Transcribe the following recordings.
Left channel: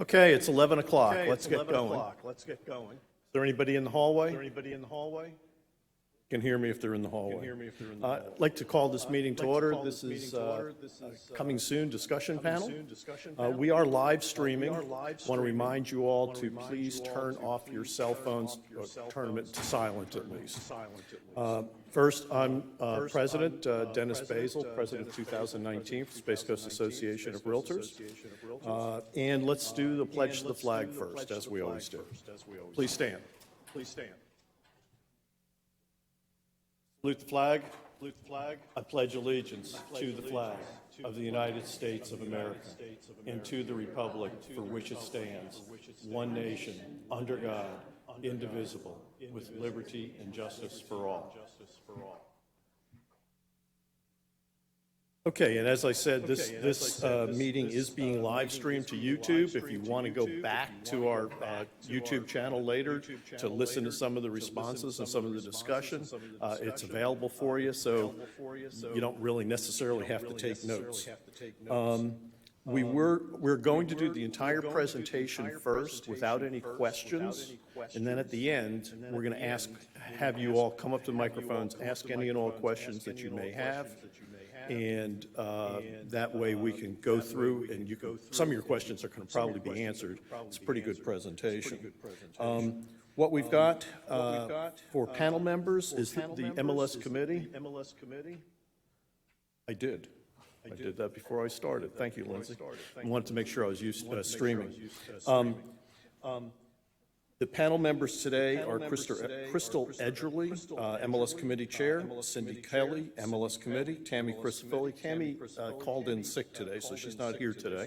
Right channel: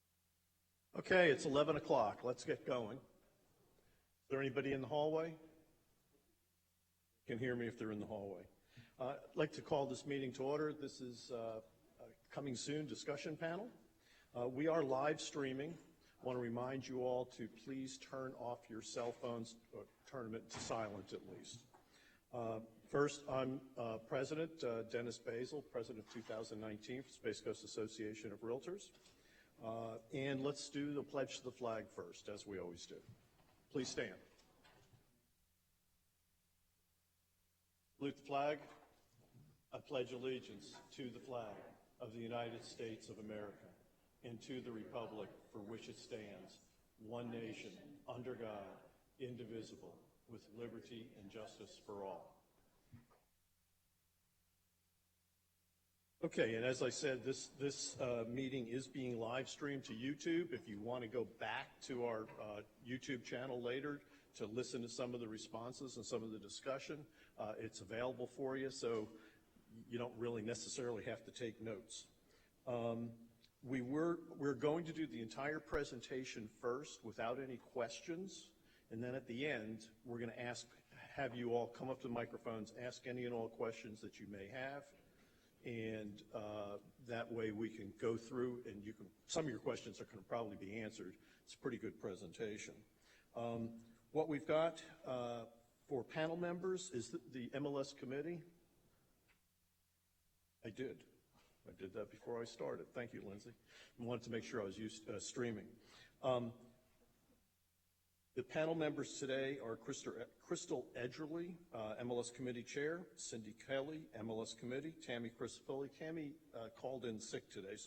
Okay, it's 11 o'clock. Okay, Let's it's get 11 going. o'clock. Let's get going. Is there anybody in the hallway? Is there anybody in the hallway? Can hear me if they're in the hallway. Can hear me if they're in the hallway. I'd like to call this meeting to order. This is This is coming soon discussion coming panel. soon discussion panel. We are live streaming. We are live Want to streaming. remind you all Wanna to remind please you all turn to off your please cell turn phones, off your cell turn them phones, to silent turn at them least. to silent at least. First, I'm First, President I'm, Dennis President, Basil, President of Dennis 2019 Basil, for Space Coast 2019 Association of Space Coast Realtors. Association of Realtors. And let's do the pledge to the let's flag do the first, pledge as to the we flag always do. first, as we always Please do. stand. Please stand. Salute the flag. Salute the flag. I pledge allegiance pledge to the flag allegiance to of the the United States of the America United States of and America to the republic and to for the which it republic stands, for which it one stands, nation, one under nation, God, under God, indivisible, with indivisible, liberty and justice for all. Justice for all. Okay, and as I said, this Okay, and as I said, this meeting this, is being live meeting streamed is to being YouTube. If you live-streamed to want to go YouTube, back if you to wanna our go back to YouTube our, channel later YouTube to channel listen to later, some of the to listen to responses and some of the discussion, some of the it's discussion, available for you, it's so available for you, so you don't really necessarily you don't have to really take necessarily notes. have to take notes. We're going to do the entire going to do the presentation entire first without any presentation questions. first, And then at the end, and then we're at going the to ask, end, we're have gonna you ask- all come up to the have you all microphones, come up ask to the any and all microphones, questions ask that any you and all may have. questions that you may have. And And, that way we can go that way through we and can you go can, through some of your and questions you are going to some of probably your be questions are answered. gonna probably It's a be pretty good answered. presentation. It's a pretty good presentation. What we've got got, for panel members for is panel the members MLS is committee. The MLS committee. I did. I did that before I started. Thank you, Lindsay. I wanted to make sure I was used to streaming. The panel members today are Crystal Edgerly, MLS Committee Chair, Cindy Kelly, MLS Committee, Tammy Christopherly. Tammy called in sick today, so she's not here today.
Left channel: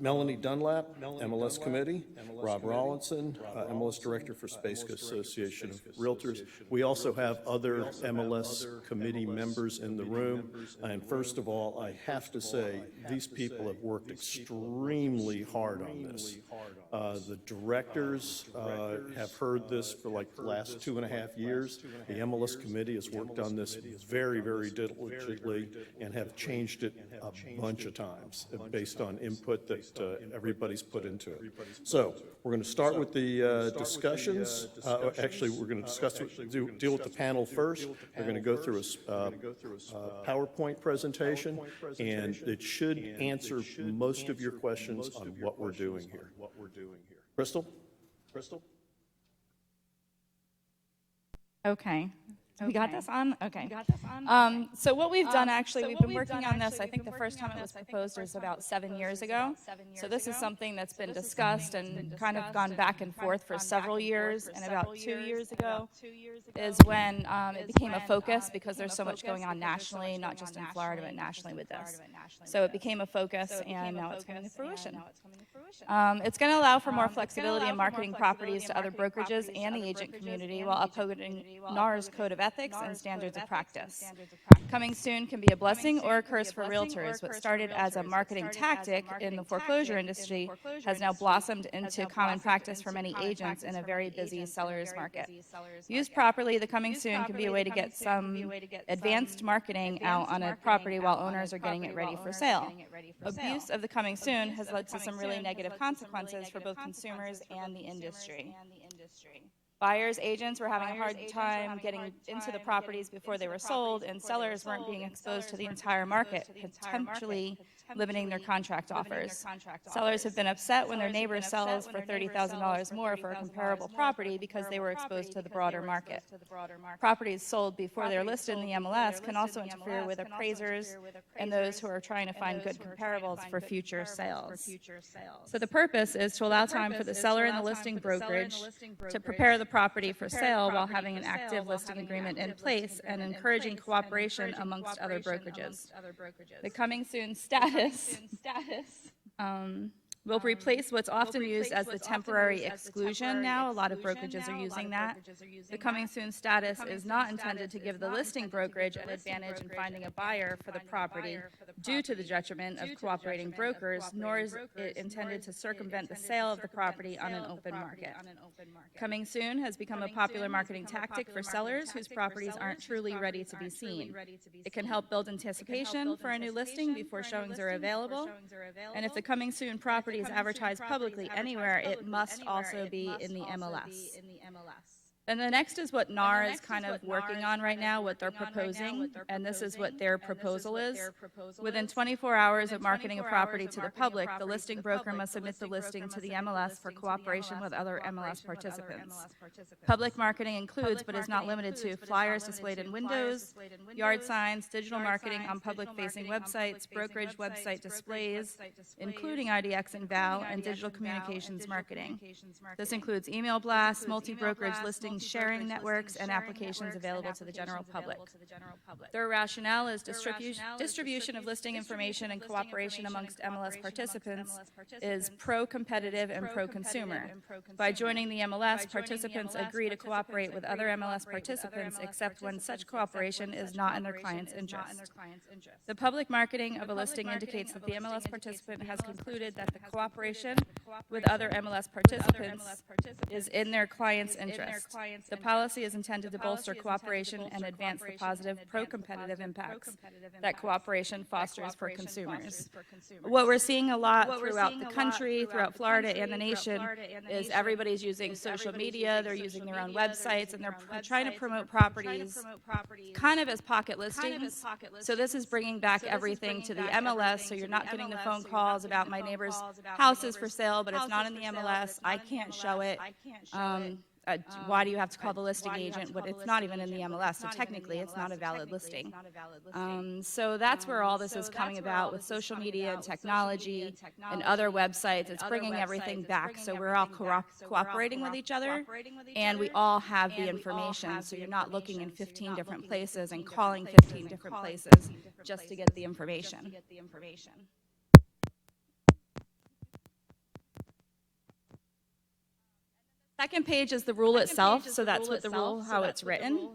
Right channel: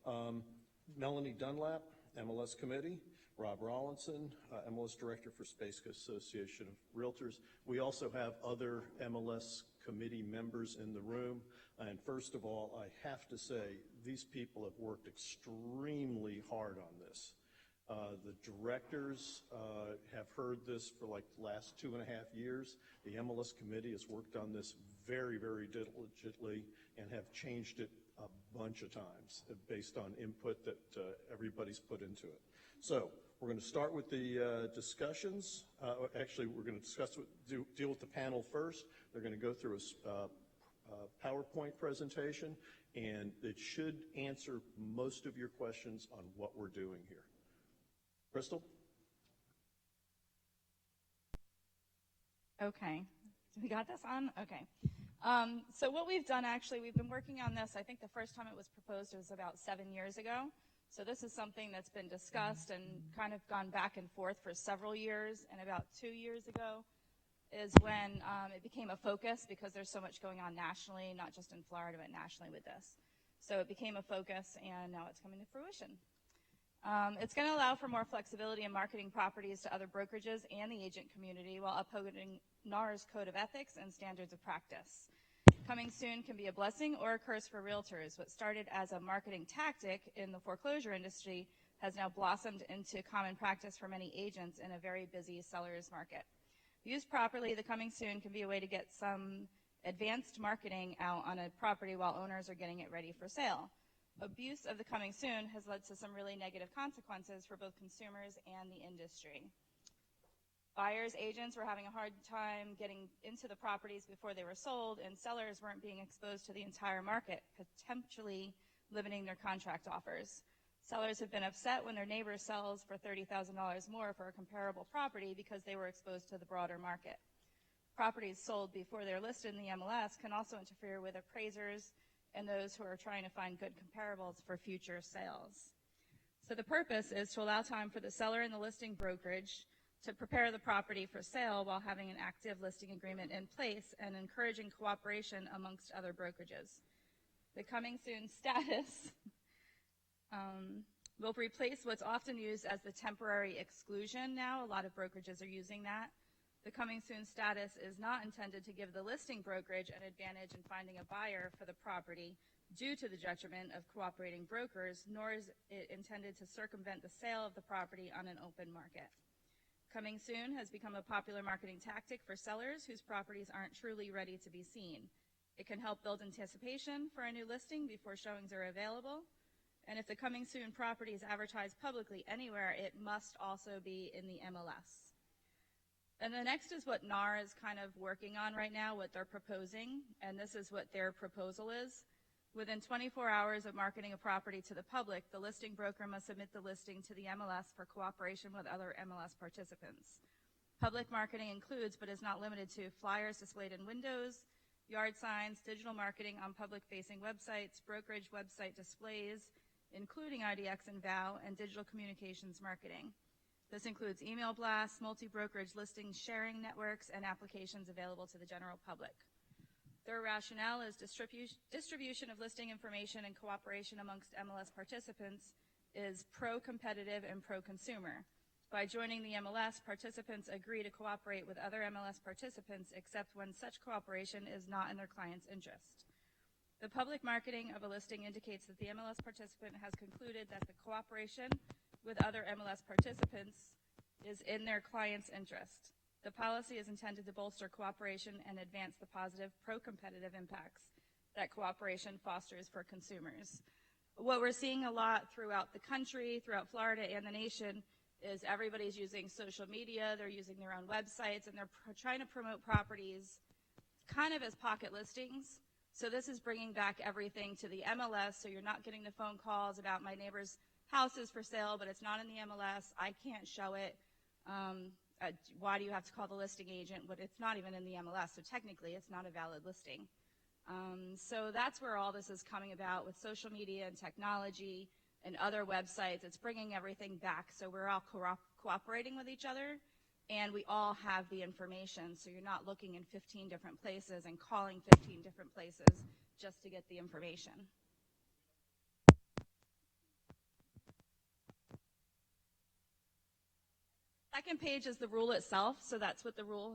Melanie Dunlap, MLS Committee, Rob Rollinson, MLS Director for Space Coast Association of Realtors. We also have other MLS committee members in the room. And first of all, I have to say, these people have worked extremely hard on this. The directors have heard this for like the last 2.5 years. The MLS committee has worked on this very, very diligently and have changed it a bunch of times based on input that everybody's put into it. So we're going to start with the discussions. Actually, we're going to deal with the panel first. We're going to go through a PowerPoint presentation, and it should answer most of your questions on what we're doing here. Crystal? Okay. We got this on? Okay. Okay. So what we've done actually, we've been we've working done on this, actually, I we've think been the first working time on this this, I think the proposed was first time about this 7 proposed years was ago. about 7 So years this is ago. something that's been this is discussed something that's and been kind of discussed gone back and and kind forth of for gone several back and years. forth for And about several 2 years. years And ago about 2 years ago is when it became a focus because there's so much going on nationally, not just in Florida, but nationally with this. So it became a focus and now it's coming to fruition. It's going to allow for more flexibility in marketing properties to other brokerages and the agent community while upholding NAR's code of ethics and standards of practice. Coming soon can be a blessing or a curse for realtors. What started as a marketing tactic in the foreclosure industry has now blossomed into common practice for many agents in a very busy seller's market. Used properly, the coming soon can be a way to get some advanced marketing out on a property while owners are getting it ready for sale. Abuse of the coming soon has led to some really negative consequences for both consumers and the industry. Buyers, agents were having a hard time getting into the properties before they were sold, and sellers weren't being exposed to the entire market, potentially limiting their contract offers. Sellers have been upset when their neighbor sells for $30,000 more for a comparable property because they were exposed to the broader market. Properties sold before they're listed in the MLS can also interfere with appraisers and those who are trying to find good comparables for future sales. So the purpose is to allow time for the seller and the listing brokerage to prepare the property for sale while having an active listing agreement in place and encouraging cooperation amongst other brokerages. The coming soon status will replace what's often used as the temporary exclusion now. A lot of brokerages are using that. The coming soon status is not intended to give the listing brokerage an advantage in finding a buyer for the property due to the detriment of cooperating brokers, nor is it intended to circumvent the sale of the property on an open market. Coming soon has become a popular marketing tactic for sellers whose properties aren't truly ready to be seen. It can help build anticipation for a new listing before showings are available. And if the coming soon property property is advertised publicly anywhere, it must also be in the MLS. And the next is what NAR is kind of working on right now, what they're proposing, and this is what their proposal is. Within 24 hours of marketing a property to the public, the listing broker must submit the listing to the MLS for cooperation with other MLS participants. Public marketing includes, but is not limited to, flyers displayed in windows, yard signs, digital marketing on public-facing websites, brokerage website displays, including IDX and VAL, and digital communications marketing. This includes email blasts, multi-brokerage listings, sharing networks, and applications available to the general public. Their rationale is distribution of listing information and cooperation amongst MLS participants is pro-competitive and pro-consumer. By joining the MLS, participants agree to cooperate with other MLS participants except when such cooperation is not in their client's interest. The public marketing of a listing indicates that the MLS participant has concluded that the cooperation with other MLS participants is in their client's interest. The policy is intended to bolster cooperation and advance the positive pro-competitive impacts that cooperation fosters for consumers. What we're seeing a lot throughout the country, throughout Florida and the nation, is everybody's using social media, they're using their own websites, and they're trying to promote properties kind of as pocket listings. So this is bringing back everything to the MLS, so you're not getting the phone calls about my neighbor's house is for sale, but it's not in the MLS, I can't show it. Why do you have to call the listing agent? But it's not even in the MLS, so technically it's not a valid listing. So that's where all this is coming about with social media and technology and other websites. It's bringing everything back, so we're all cooperating with each other, and we all have the information, so you're not looking in 15 different places and calling 15 different places just to get the information. Second page is the rule itself, so that's what the rule, how it's written.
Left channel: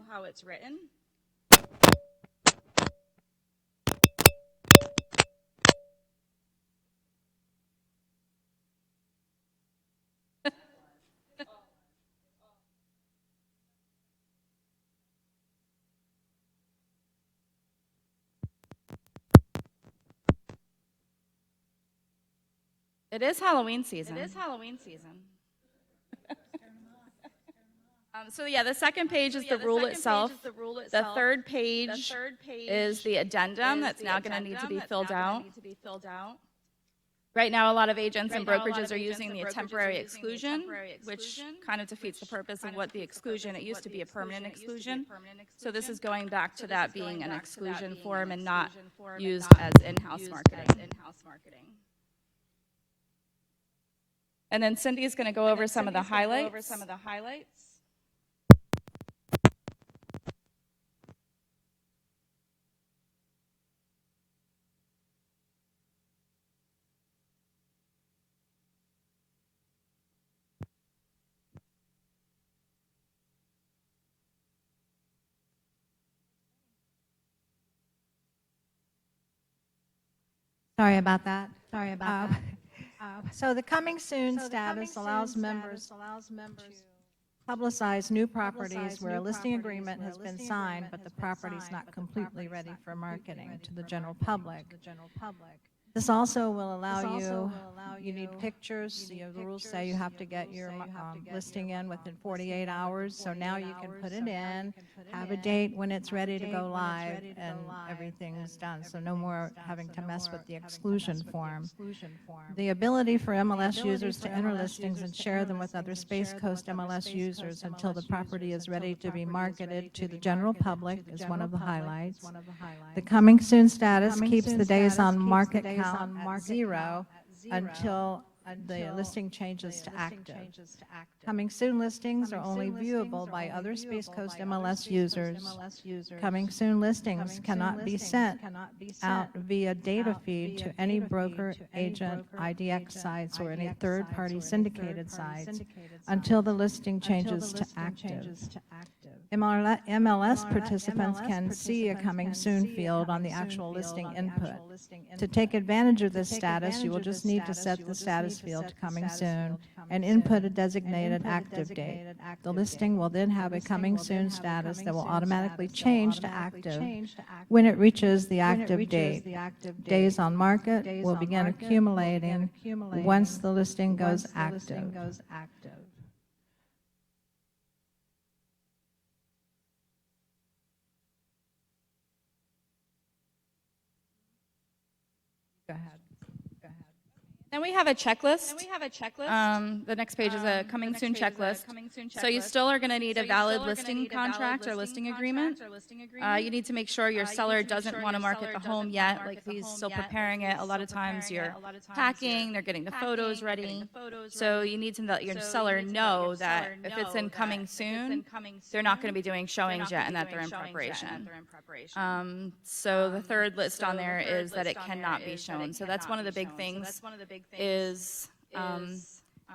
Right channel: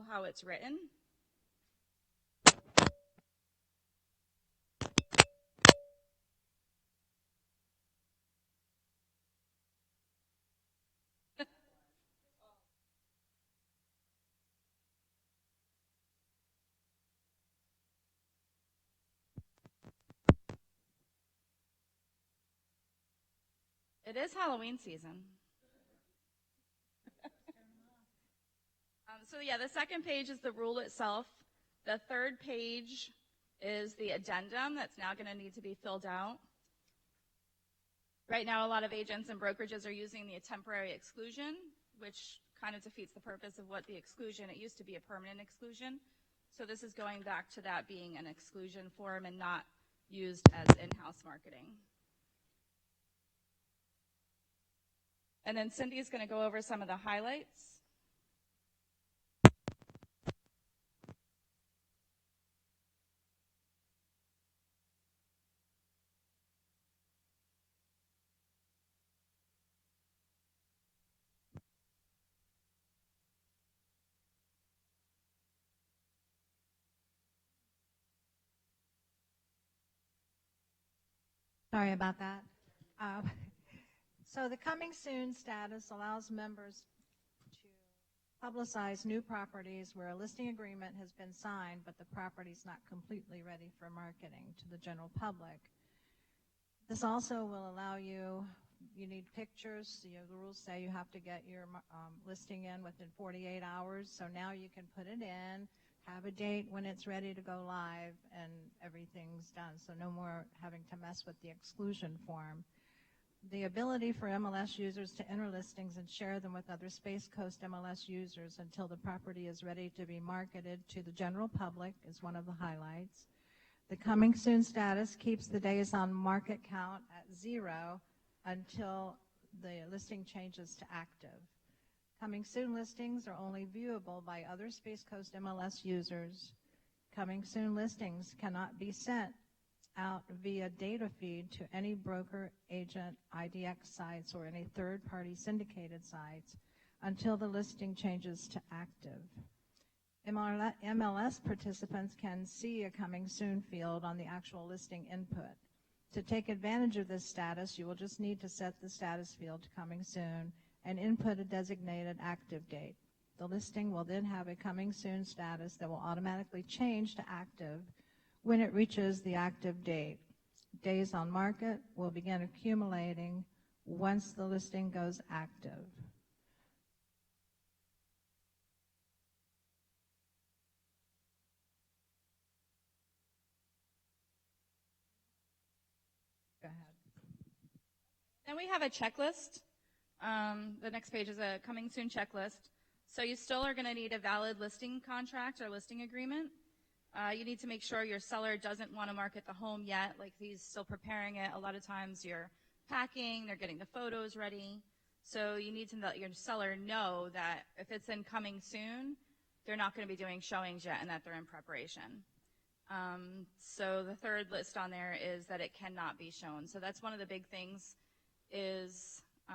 It is Halloween season. So yeah, the second page is the rule itself. The third page is the addendum that's now going to need to be filled out. Right now, a lot of agents and brokerages are using the temporary exclusion, which kind of defeats the purpose of what the exclusion. It used to be a permanent exclusion. So this is going back to that being an exclusion form and not used as in-house marketing. And then Cindy's going to go over some of the highlights. Sorry about that. So the coming soon status allows members to publicize new properties where a listing agreement has been signed, but the property is not completely ready for marketing to the general public. This also will allow you need pictures. The rules say you have to get your listing in within 48 hours. So now you can put it in, have a date when it's ready to go live, and everything is done. So no more having to mess with the exclusion form. The ability for MLS users to enter listings and share them with other Space Coast MLS users until the property is ready to be marketed to the general public is one of the highlights. The coming soon status keeps the days on market at zero until the listing changes to active. Coming soon listings are only viewable by other Space Coast MLS users. Coming soon listings cannot be sent out via data feed to any broker, agent, IDX sites, or any third-party syndicated sites until the listing changes to active. MLS participants can see a coming soon field on the actual listing input. To take advantage of this status, you will just need to set the status field to coming soon and input a designated active date. The listing will then have a coming soon status that will automatically change to active when it reaches the active date. Days on market will begin accumulating once the listing goes active. Go ahead. Then we have a checklist. The next page is a coming soon checklist. So you still are going to need a valid listing contract or listing agreement. You need to make sure your seller doesn't want to market the home yet, like if he's still preparing it. A lot of times you're packing, they're getting the photos ready. So you need to let your seller know that if it's in coming soon, they're not going to be doing showings yet and that they're in preparation. So the third list on there is that it cannot be shown. So that's one of the big things. Is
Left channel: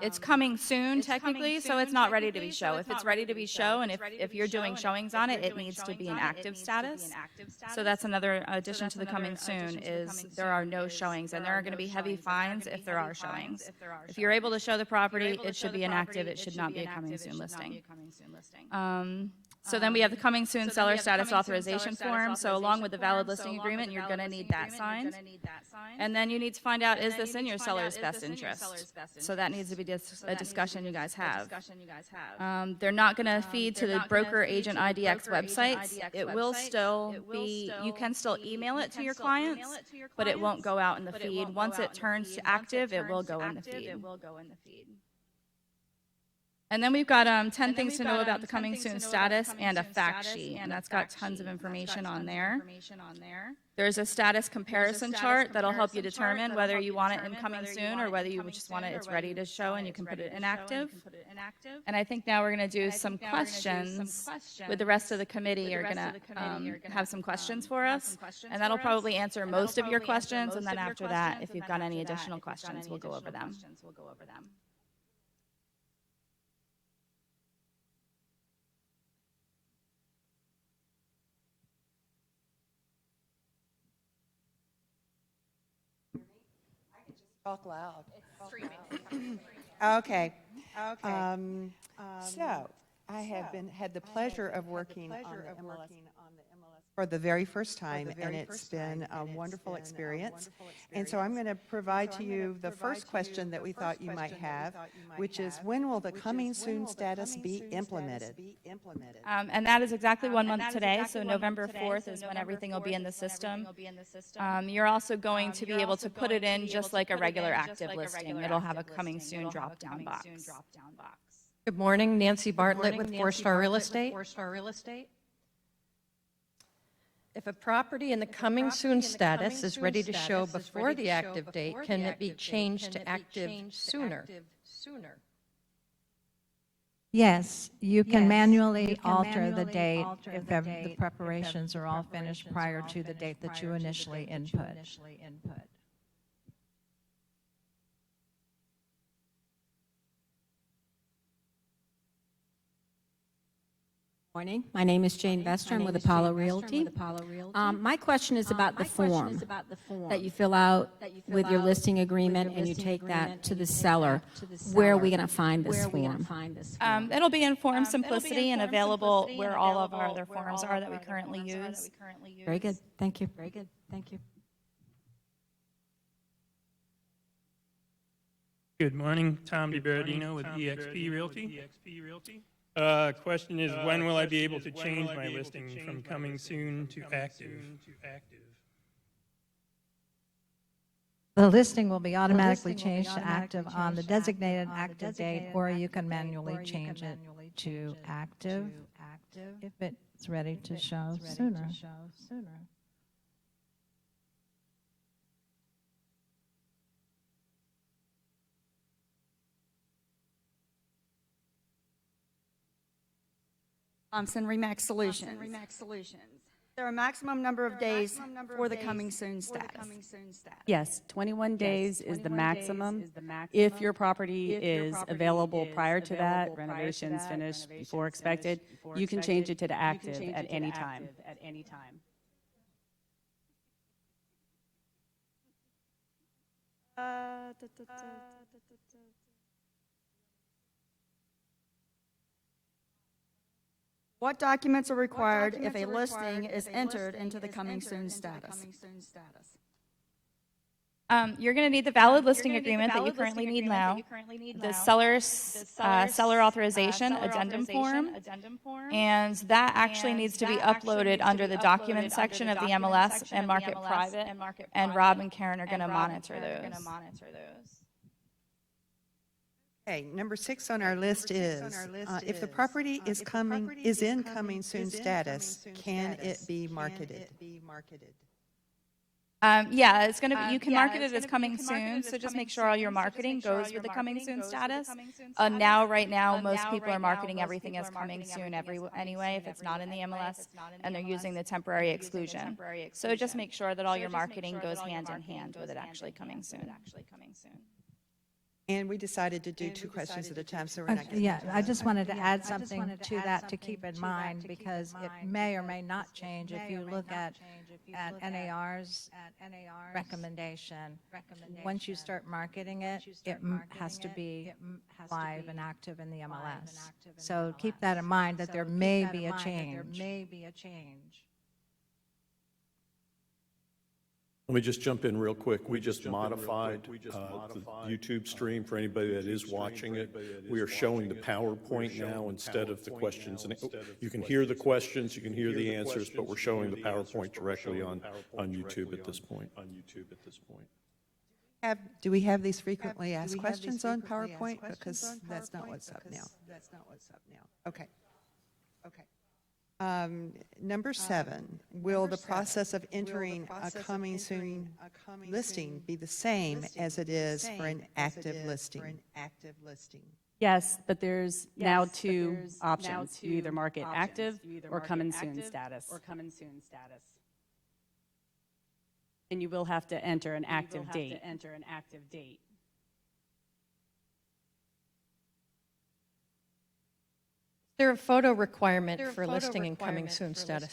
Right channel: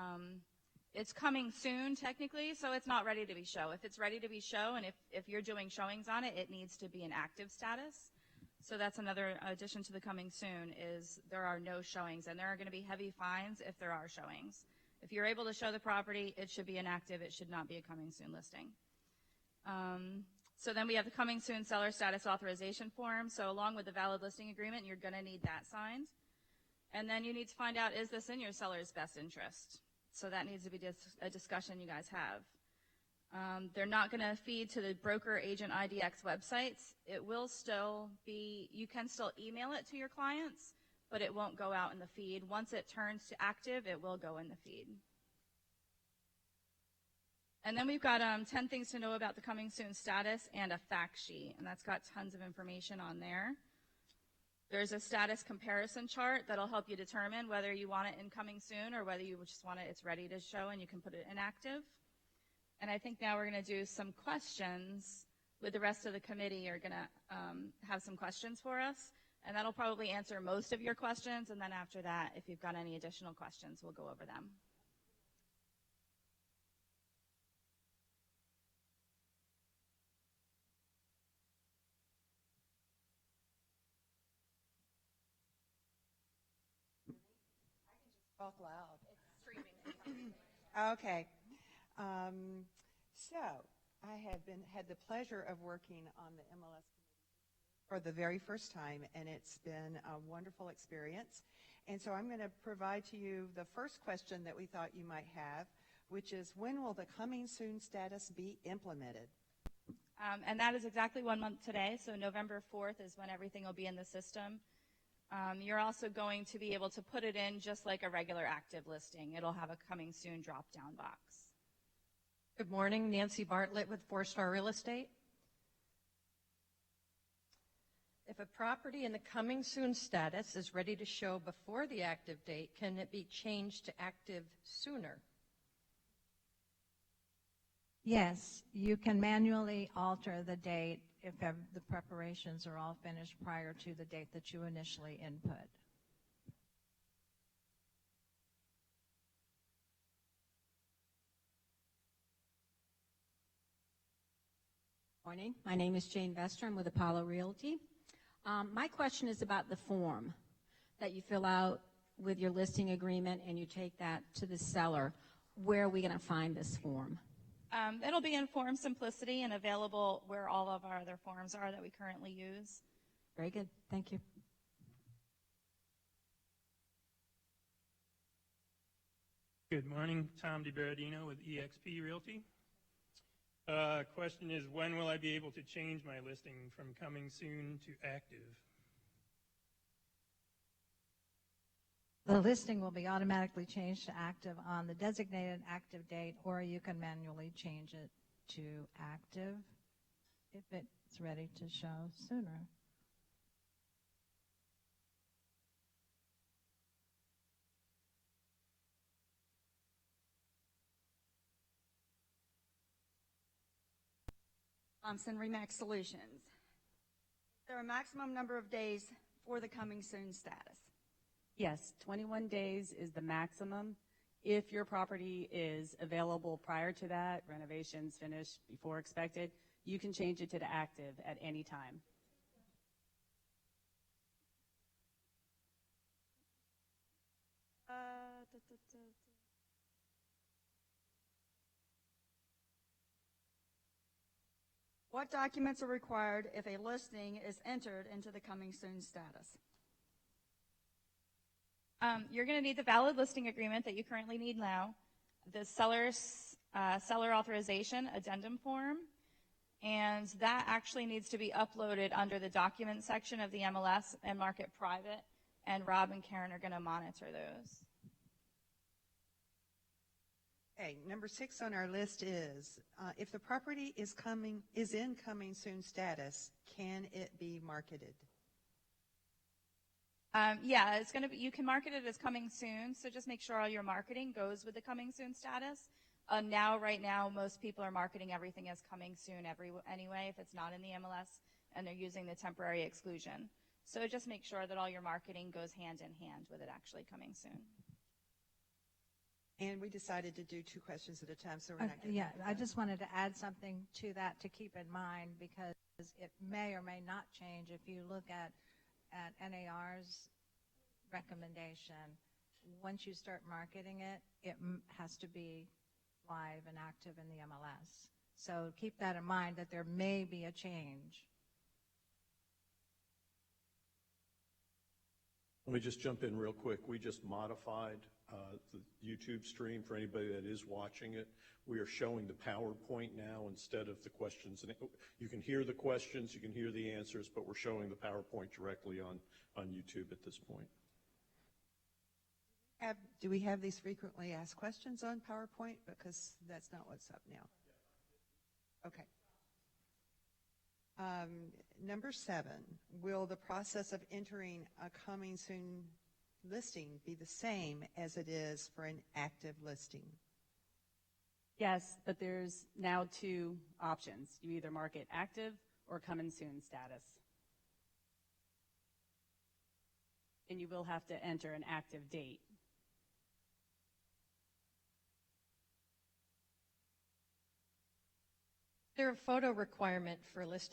it's coming soon technically, so it's not ready to be shown. If it's ready to be shown, and if you're doing showings on it, it needs to be an active status. So that's another addition to the coming soon is there are no showings, and there are going to be heavy fines if there are showings. If you're able to show the property, it should be inactive. It should not be a coming soon listing. So then we have the coming soon seller status authorization form. So along with the valid listing agreement, you're going to need that signed. And then you need to find out, is this in your seller's best interest? So that needs to be a discussion you guys have. They're not going to feed to the broker agent IDX websites. It will still be, you can still email it to your clients, but it won't go out in the feed. Once it turns to active, it will go in the feed. And then we've got 10 things to know about the coming soon status and a fact sheet, and that's got tons of information on there. There's a status comparison chart that'll help you determine whether you want it in coming soon or whether you just want it, it's ready to show and you can put it in active. And I think now we're going to do some questions with the rest of the committee. You're going to have some questions for us, and that'll probably answer most of your questions, and then after that, if you've got any additional questions, we'll go over them. Talk loud. Okay. So I have had the pleasure of working on the MLS for the very first time, and it's been a wonderful experience. And so I'm going to provide to you the first question that we thought you might have, which is, when will the coming soon status be implemented? And that is exactly 1 month today, so November 4th is when everything will be in the system. You're also going to be able to put it in just like a regular active listing. It'll have a coming soon drop-down box. Good morning, Nancy Bartlett with 4-Star Real Estate. If a property in the coming soon status is ready to show before the active date, can it be changed to active sooner? Yes, you can manually alter the date if the preparations are all finished prior to the date that you initially input. Morning. My name is Jane Vestron with Apollo Realty. My question is about the form that you fill out with your listing agreement and you take that to the seller. Where are we going to find this form? It'll be in Form Simplicity and available where all of our other forms are that we currently use. Very good. Thank you. Good morning, Tom DiBerdino with eXp Realty. Question is, when will I be able to change my listing from coming soon to active? The listing will be automatically changed to active on the designated active date, or you can manually change it to active if it's ready to show sooner. Remax Solutions. There are a maximum number of days for the coming soon status. Yes, 21 days is the maximum. If your property is available prior to that, renovations finished before expected, you can change it to the active at any time. What documents are required if a listing is entered into the coming soon status? You're going to need the valid listing agreement that you currently need now, the seller authorization addendum form, and that actually needs to be uploaded under the document section of the MLS and mark it private, and Rob and Karen are going to monitor those. Okay, number 6 on our list is, if the property is in coming soon status, can it be marketed? Yeah, it's going to be, you can market it as coming soon, so just make sure all your marketing goes with the coming soon status. Right now, most people are marketing everything as coming soon anyway, if it's not in the MLS, and they're using the temporary exclusion. So just make sure that all your marketing goes hand in hand with it actually coming soon. And we decided to do 2 questions at a time, so we're not getting Yeah, into I that. just wanted to add something to that to keep in mind, because it may or may not change if you look at NAR's recommendation. Once you start marketing it, it has to be live and active in the MLS. So keep that in mind, that there may be a change. Let me just jump in real quick. We just modified the YouTube stream for anybody that is watching it. We are showing the PowerPoint now instead of the questions. And you can hear the questions, you can hear the answers, but we're showing the PowerPoint directly on YouTube at this point. Do we have these frequently asked questions on PowerPoint? Because that's not what's up now. Okay. Number 7, will the process of entering a coming soon listing be the same as it is for an active listing? Yes, but there's now 2 options. You either mark it active or coming soon status. And you will have to enter an active date. Is there a photo requirement for listing and coming soon status?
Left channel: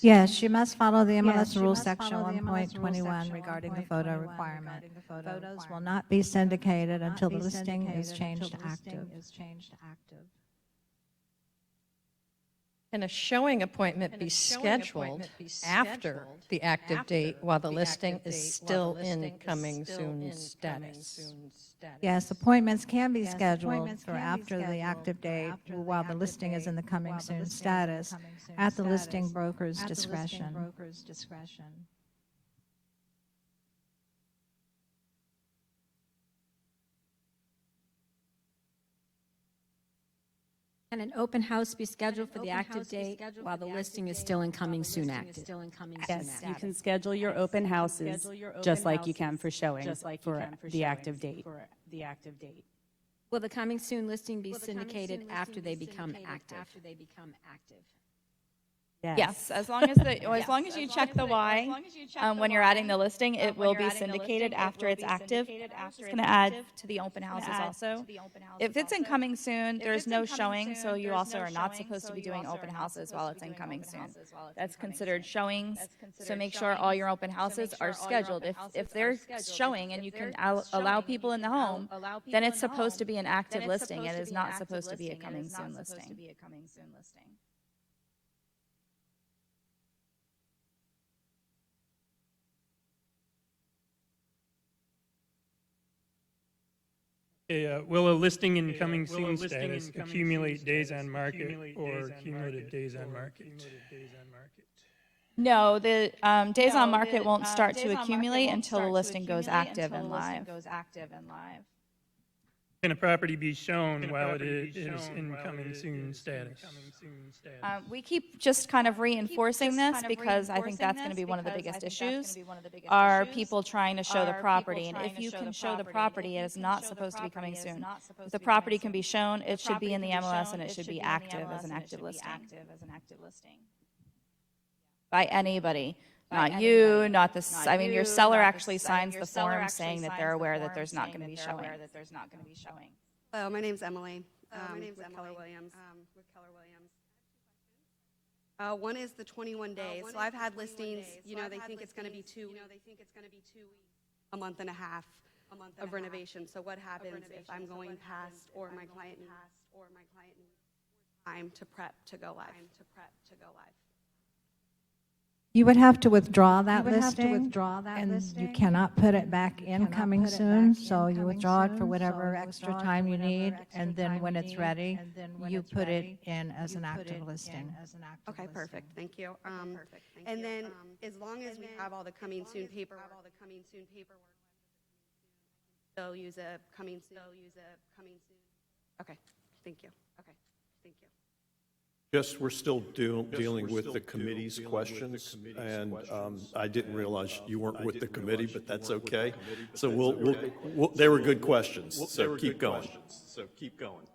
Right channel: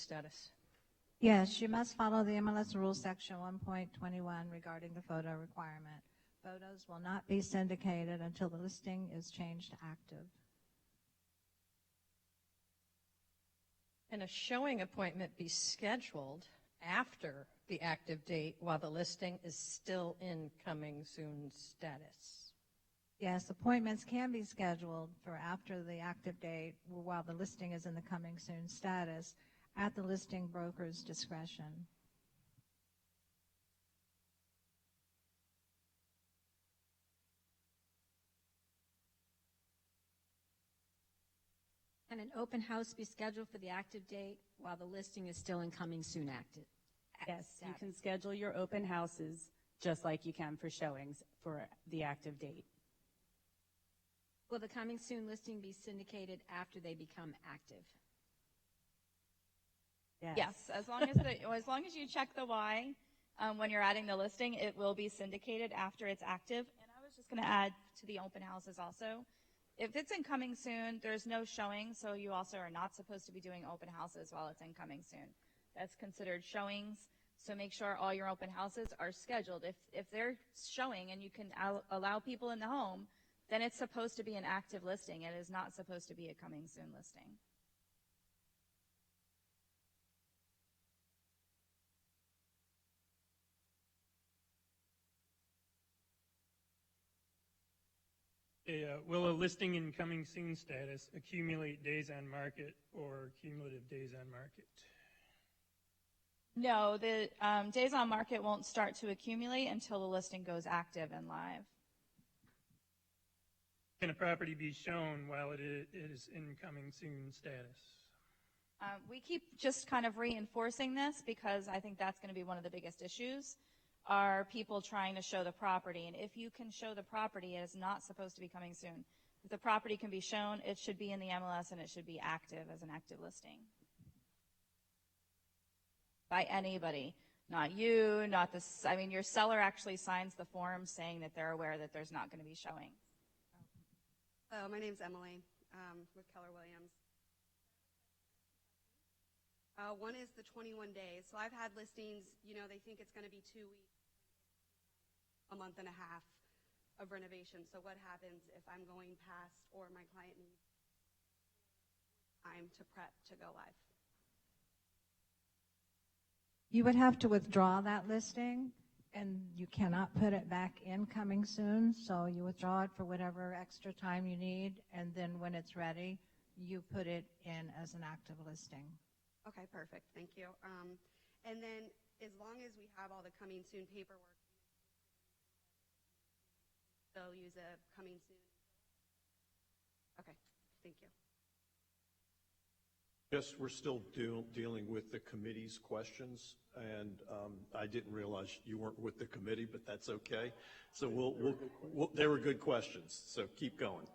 Yes, you must follow the MLS rules section 1.21 regarding the photo requirement. The photos will not be syndicated until the listing is changed to active. Can a showing appointment be scheduled after the active date while the listing is still in coming soon status? Yes, appointments can be scheduled for after the active date while the listing is in the coming soon status at the listing broker's discretion. Can an open house be scheduled for the active date while the listing is still in coming soon active? Yes, you can schedule your open houses just like you can for showing for the active date. Will the coming soon listing be syndicated after they become active? Yes, as long as you check the Y when you're adding the listing, it will be syndicated after it's active. It's going to add to the open houses also. If it's in coming soon, there's no showing, so you also are not supposed to be doing open houses while it's in coming soon. That's considered showings, so make sure all your open houses are scheduled. If they're showing and you can allow people in the home, then it's supposed to be an active listing. It is not supposed to be a coming soon listing. Will a listing in coming soon status accumulate days on market or cumulative days on market? No, the days on market won't start to accumulate until the listing goes active and live. Can a property be shown while it is in coming soon status? We keep just kind of reinforcing this because I think that's going to be one of the biggest issues, are people trying to show the property. And if you can show the property, it is not supposed to be coming soon. If the property can be shown, it should be in the MLS and it should be active as an active listing. By anybody. Not you, not the, I mean, your seller actually signs the form saying that they're aware that there's not going to be showing. Hello, my name's Emily. Williams. With Keller Williams. One is the 21 days. So I've had listings, they think it's going to be 2 weeks, a month and a half. of renovation. So what happens if I'm going past or my client needs time to prep to go live? You would have to withdraw that listing. You cannot put it back in coming soon, so you withdraw it for whatever extra time you need, and then when it's ready, you put it in as an active listing. Okay, perfect. Thank you. And then, as long as we have all the coming soon paperwork, they'll use a coming soon. Okay, thank you. Yes, we're still dealing with the committee's questions, and I didn't realize you weren't with the committee, but that's okay. So they were good questions, so keep going.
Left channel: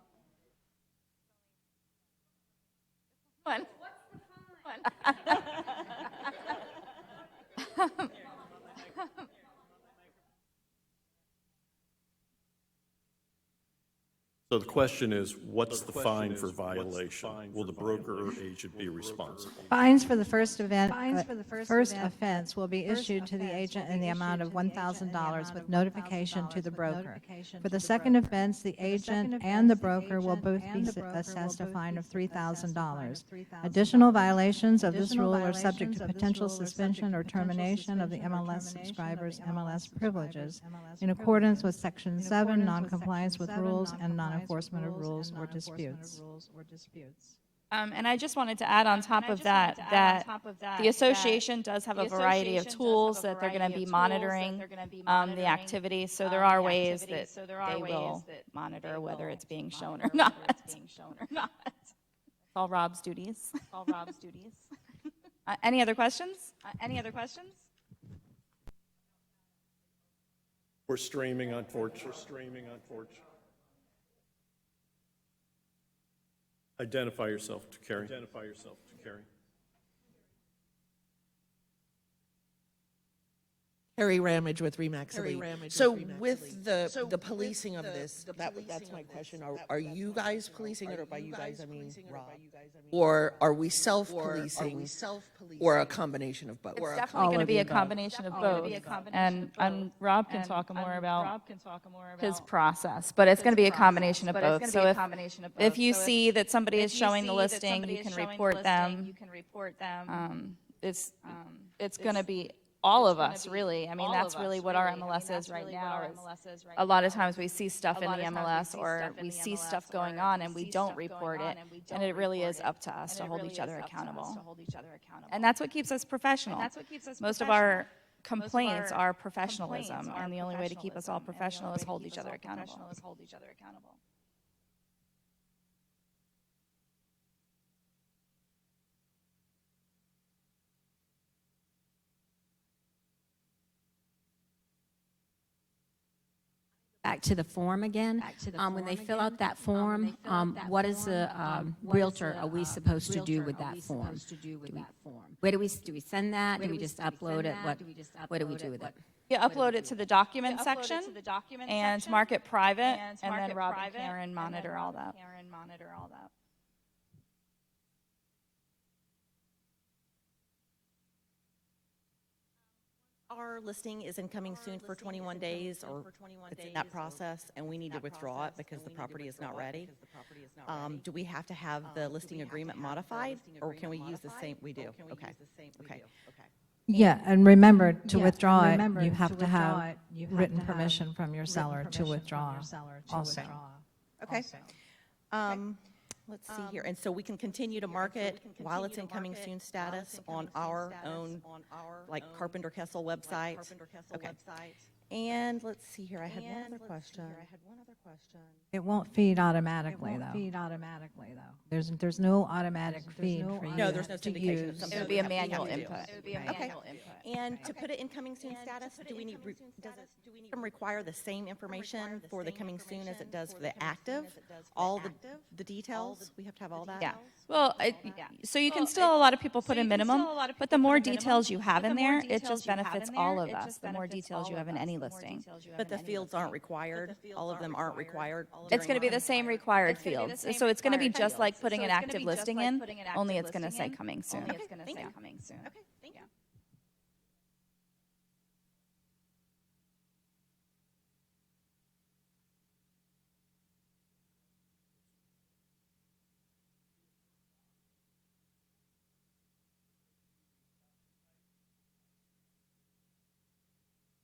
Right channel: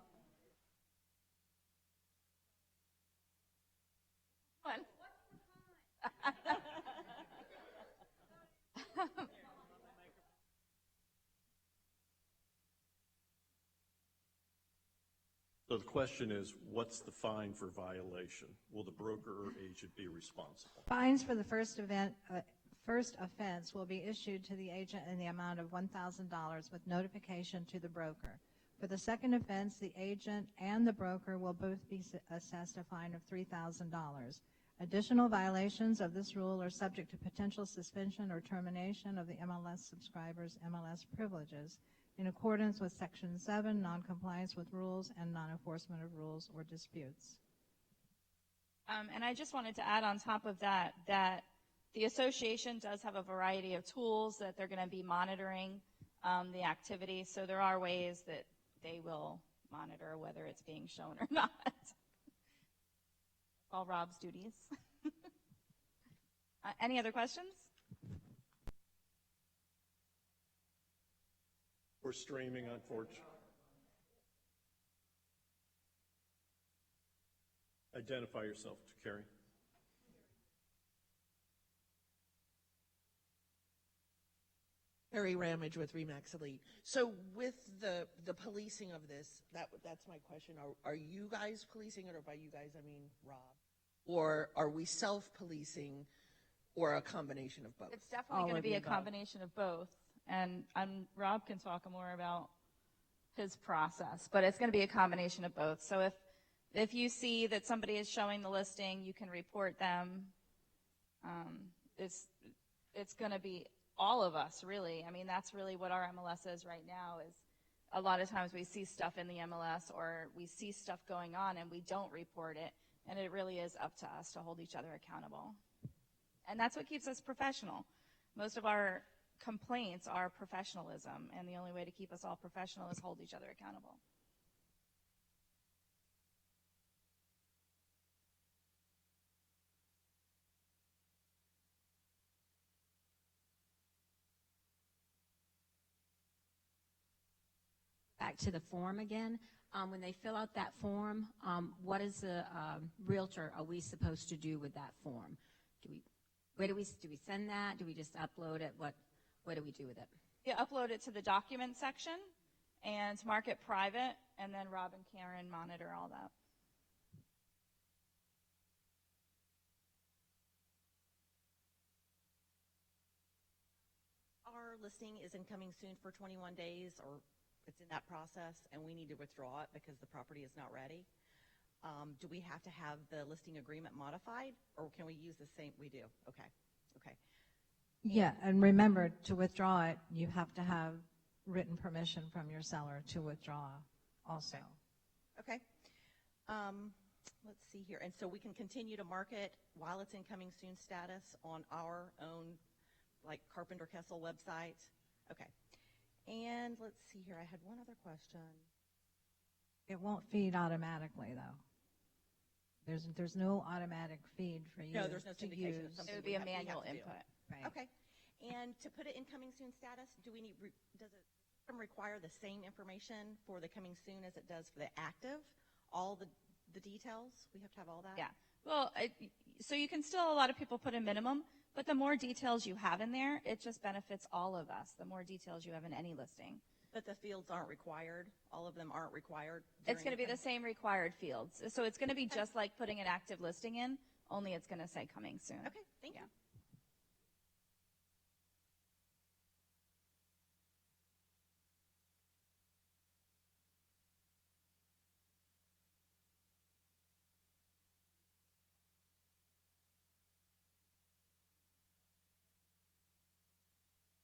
So the question is, what's the fine for violation? Will the broker or agent be responsible? Fines for the first offense will be issued to the agent in the amount of $1,000 with notification to the broker. For the second offense, the agent and the broker will both be assessed a fine of $3,000. Additional violations of this rule are subject to potential suspension or termination of the MLS subscriber's MLS privileges in accordance with Section 7, noncompliance with rules and non-enforcement of rules or disputes. And I just wanted to add on top of that, the association does have a variety of tools that they're going to be monitoring the activity. So there are ways that they will monitor whether it's being shown or not. It's all Rob's duties. Any other questions? We're streaming, unfortunately. Identify yourself to Carrie. Harry Ramage with Remax. So with the policing of this, that's my question. Are you guys policing it, or by you guys I mean Rob? Or are we self-policing, or a combination of both? It's definitely going to be a combination of both. And Rob can talk more about his process, but it's going to be a combination of both. If you see that somebody is showing the listing, you can report them. It's going to be all of us, really. I mean, that's really what our MLS is right now. A lot of times we see stuff in the MLS, or we see stuff going on and we don't report it, and it really is up to us to hold each other accountable. And that's what keeps us professional. Most of our complaints are professionalism, and the only way to keep us all professional is hold each other accountable. Back to the form again. When they fill out that form, what is the realtor are we supposed to do with that form? Where do we send that? Do we just upload it? What do we do with it? You upload it to the document section and mark it private, and then Rob and Karen monitor all that. Our listing is incoming soon for 21 days, or it's in that process, and we need to withdraw it because the property is not ready. Do we have to have the listing agreement modified, or can we use the same? We do. Okay. Yeah, and remember, to withdraw it, you have to have written permission from your seller to withdraw. Okay. Let's see here. And so we can continue to market while it's in coming soon status on our own, like Carpenter Kessel website. Okay. And let's see here. I had one other question. It won't feed automatically, though. There's no automatic feed. No, there's no syndication. It would be a manual input. And to put it in coming soon status, do we need to require the same information for the coming soon as it does for the active? All the details? We have to have all that? Yeah. Well, so you can still, a lot of people put a minimum, but the more details you have in there, it just benefits all of us. The more details you have in any listing. But the fields aren't required? All of them aren't required? It's going to be the same required field. So it's going to be just like putting an active listing in, only it's going to say coming soon. Okay, thank you.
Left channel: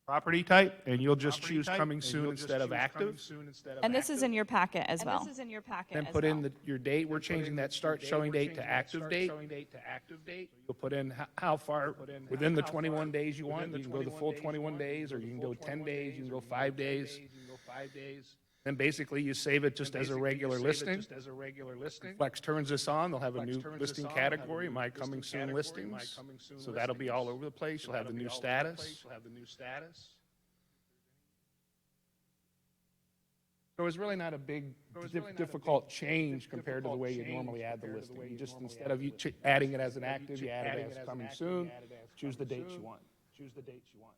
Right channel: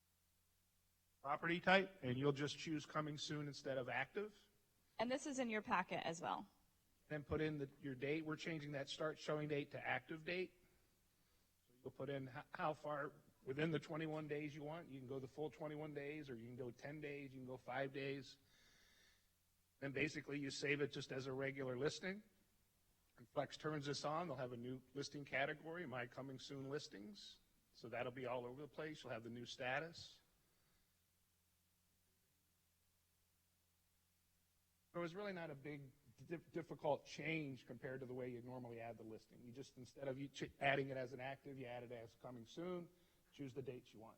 property type, and you'll just choose coming soon instead of active. And this is in your packet as well. Then put in your date. We're changing that start showing date to active date. You'll put in how far within the 21 days you want. You can go the full 21 days, or you can go 10 days, you can go 5 days. Then basically you save it just as a regular listing. Flex turns this on, they'll have a new listing category, My Coming Soon listings. So that'll be all over the place. You'll have the new status. So it's really not a big, difficult change compared to the way you normally add the listing. Just instead of you adding it as an active, you add it as coming soon. Choose the dates you want.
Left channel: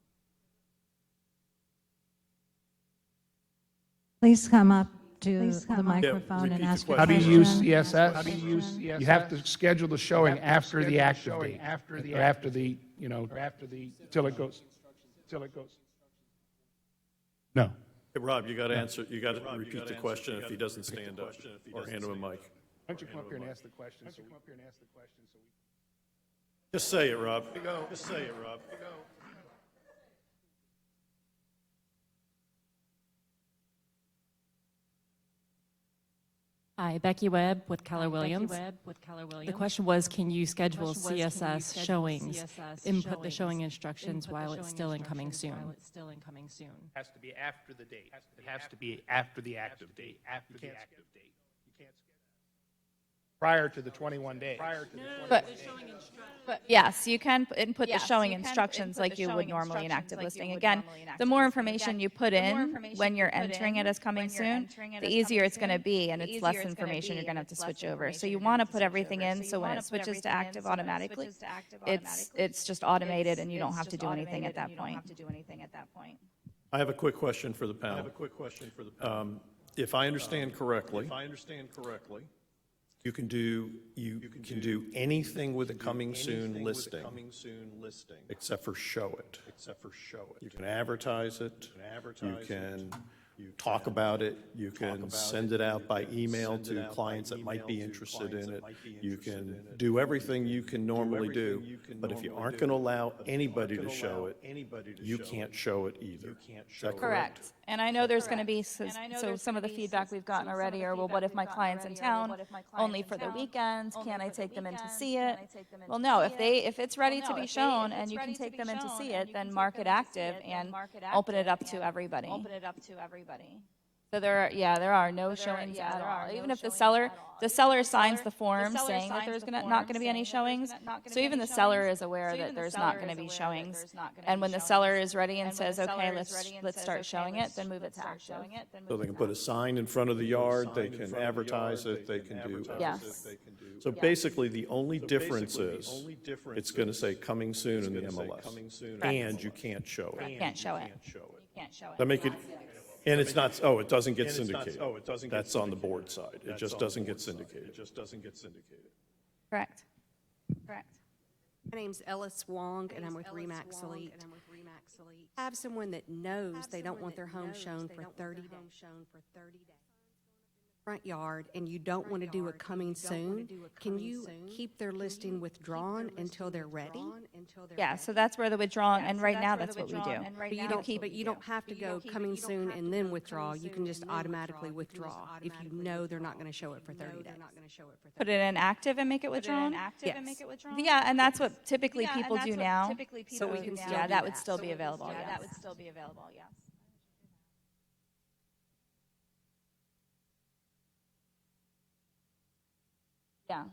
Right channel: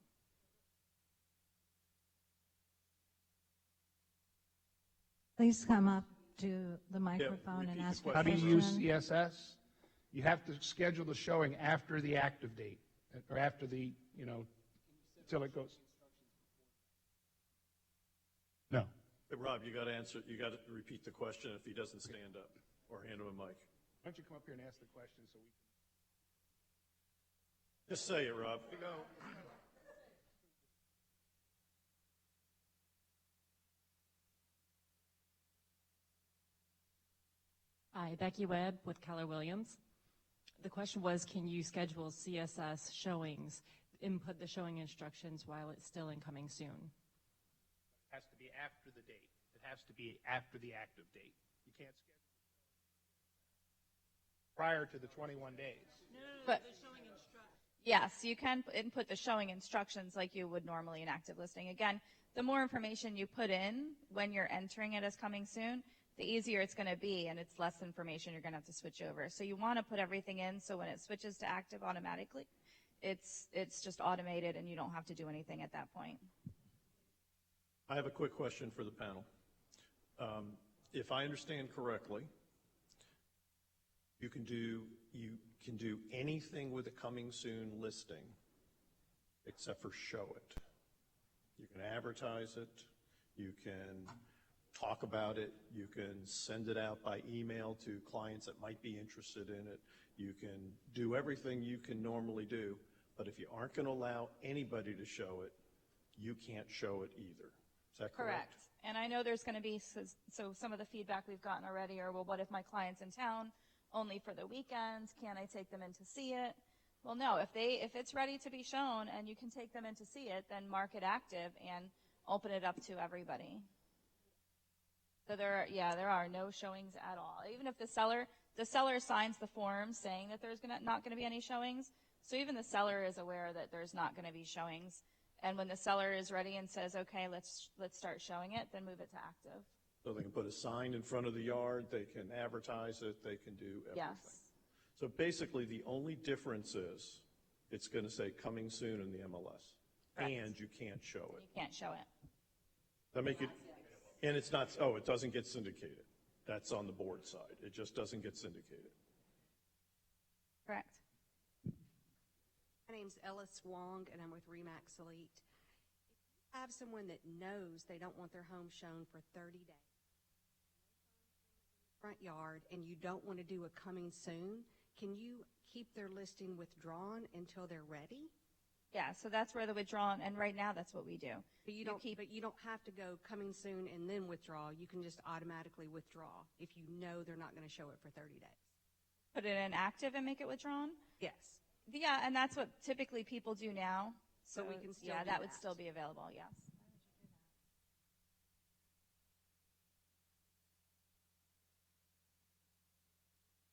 Please come up to the microphone and ask your How do question. you use CSS? You have to schedule the showing after the active date. After the, till it goes. No. Hey, Rob, you got to answer, you got to repeat the question if he doesn't stand up, or hand him a mic. Why don't you come up here and ask the question? So we Just say it, Rob. Just say it, Rob. Hi, Becky Webb with Keller Williams. The question was, can you schedule CSS showings, input the showing instructions while it's still in coming soon? Has to be after the date. It has to be after the active date. You can't schedule prior to the 21 days. But yes, you can input the showing instructions like you would normally in active listing. Again, the more information you put in when you're entering it as coming soon, the easier it's going to be, and it's less information you're going to have to switch over. So you want to put everything in, so when it switches to active automatically, it's just automated, and you don't have to do anything at that point. I have a quick question for the panel. If I understand correctly, you can do anything with a coming soon listing, except for show it. You can advertise it. You can talk about it. You can send it out by email to clients that might be interested in it. You can do everything you can normally do. But if you aren't going to allow anybody to show it, you can't show it either. Is that Correct. And I know there's going to be, so some of the feedback we've gotten already are, well, what if my client's in town only for the weekends? Can I take them in to see it? Well, no, if it's ready to be shown and you can take them in to see it, then mark it active and open it up to everybody. So there are no showings at all. Even if the seller signs the form saying that there's not going to be any showings, so even the seller is aware that there's not going to be showings. And when the seller is ready and says, okay, let's start showing it, then move it to active. So they can put a sign in front of the yard, they can advertise it, they can do. So basically, the only difference is, it's going to say coming soon in the MLS, and you can't show it. You can't show it. That make it, and it's not, it doesn't get syndicated. That's on the board side. It just doesn't get syndicated. Correct. My name's Ellis Wong, and I'm with Remax Elite. Have someone that knows they don't want their home shown for 30 days. Front yard, and you don't want to do a coming soon, can you keep their listing withdrawn until they're ready? Yeah, so that's where the withdrawn, and right now that's what we do. But you don't have to go coming soon and then withdraw. You can just automatically withdraw if you know they're not going to show it for 30 days. Put it in active and make it withdrawn? Yeah, and that's what typically people do now. Yeah, that would still be available. Yes. Yeah.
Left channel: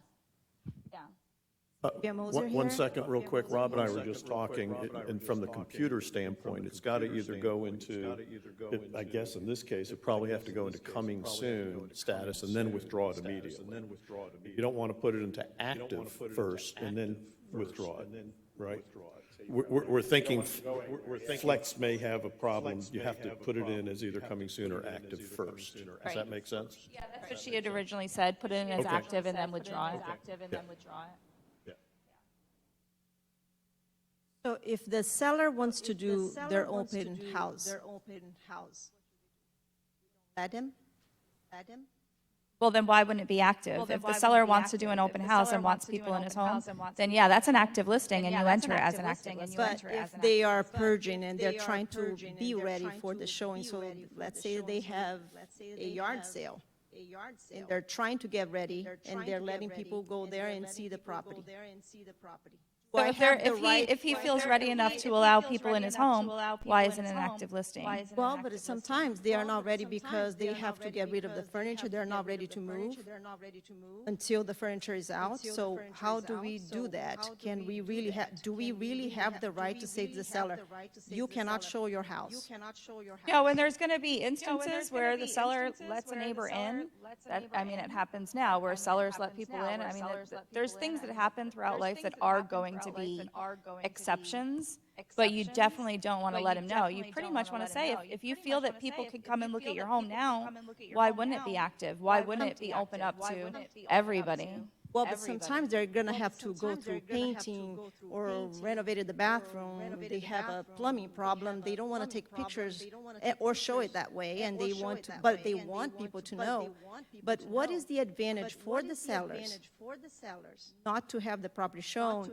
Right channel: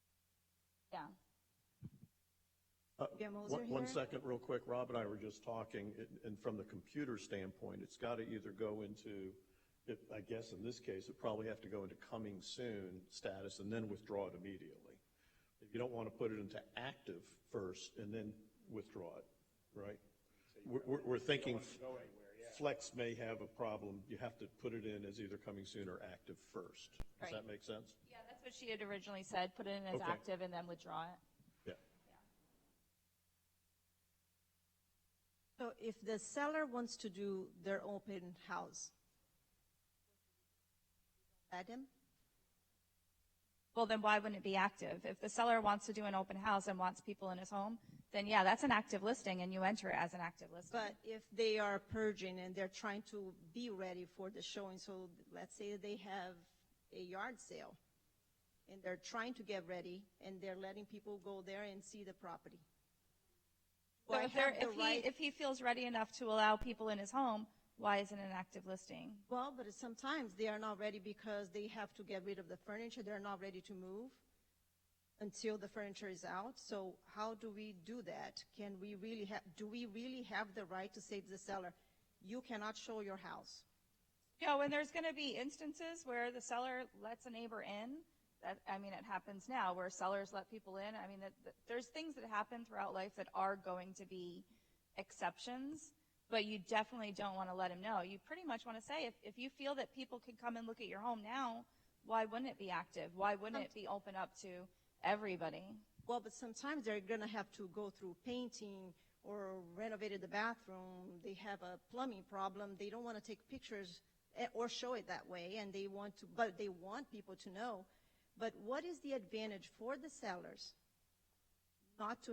One second, real quick. Rob and I were just talking, and from the computer standpoint, it's got to either go into, I guess in this case, it probably have to go into coming soon status and then withdraw it immediately. You don't want to put it into active first and then withdraw it, right? We're thinking Flex may have a problem. You have to put it in as either coming soon or active first. Does that make sense? Yeah, that's what she had originally said, put it in as active and then withdraw it. So if the seller wants to do their open house, let him? Well, then why wouldn't it be active? If the seller wants to do an open house and wants people in his home, then yeah, that's an active listing and you enter it as an active listing. But they are purging and they're trying to be ready for the showing, so let's say they have a yard sale. And they're trying to get ready, and they're letting people go there and see the property. So if he feels ready enough to allow people in his home, why isn't it an active listing? Well, but sometimes they are not ready because they have to get rid of the furniture. They're not ready to move until the furniture is out. So how do we do that? Can we really have, do we really have the right to say to the seller, you cannot show your house? No, and there's going to be instances where the seller lets a neighbor in. I mean, it happens now where sellers let people in. I mean, there's things that happen throughout life that are going to be exceptions, but you definitely don't want to let them know. You pretty much want to say, if you feel that people can come and look at your home now, why wouldn't it be active? Why wouldn't it be open up to everybody? Well, but sometimes they're going to have to go through painting or renovated the bathroom. They have a plumbing problem. They don't want to take pictures or show it that way, and they want to, but they want people to know. But what is the advantage for the sellers not to have the property shown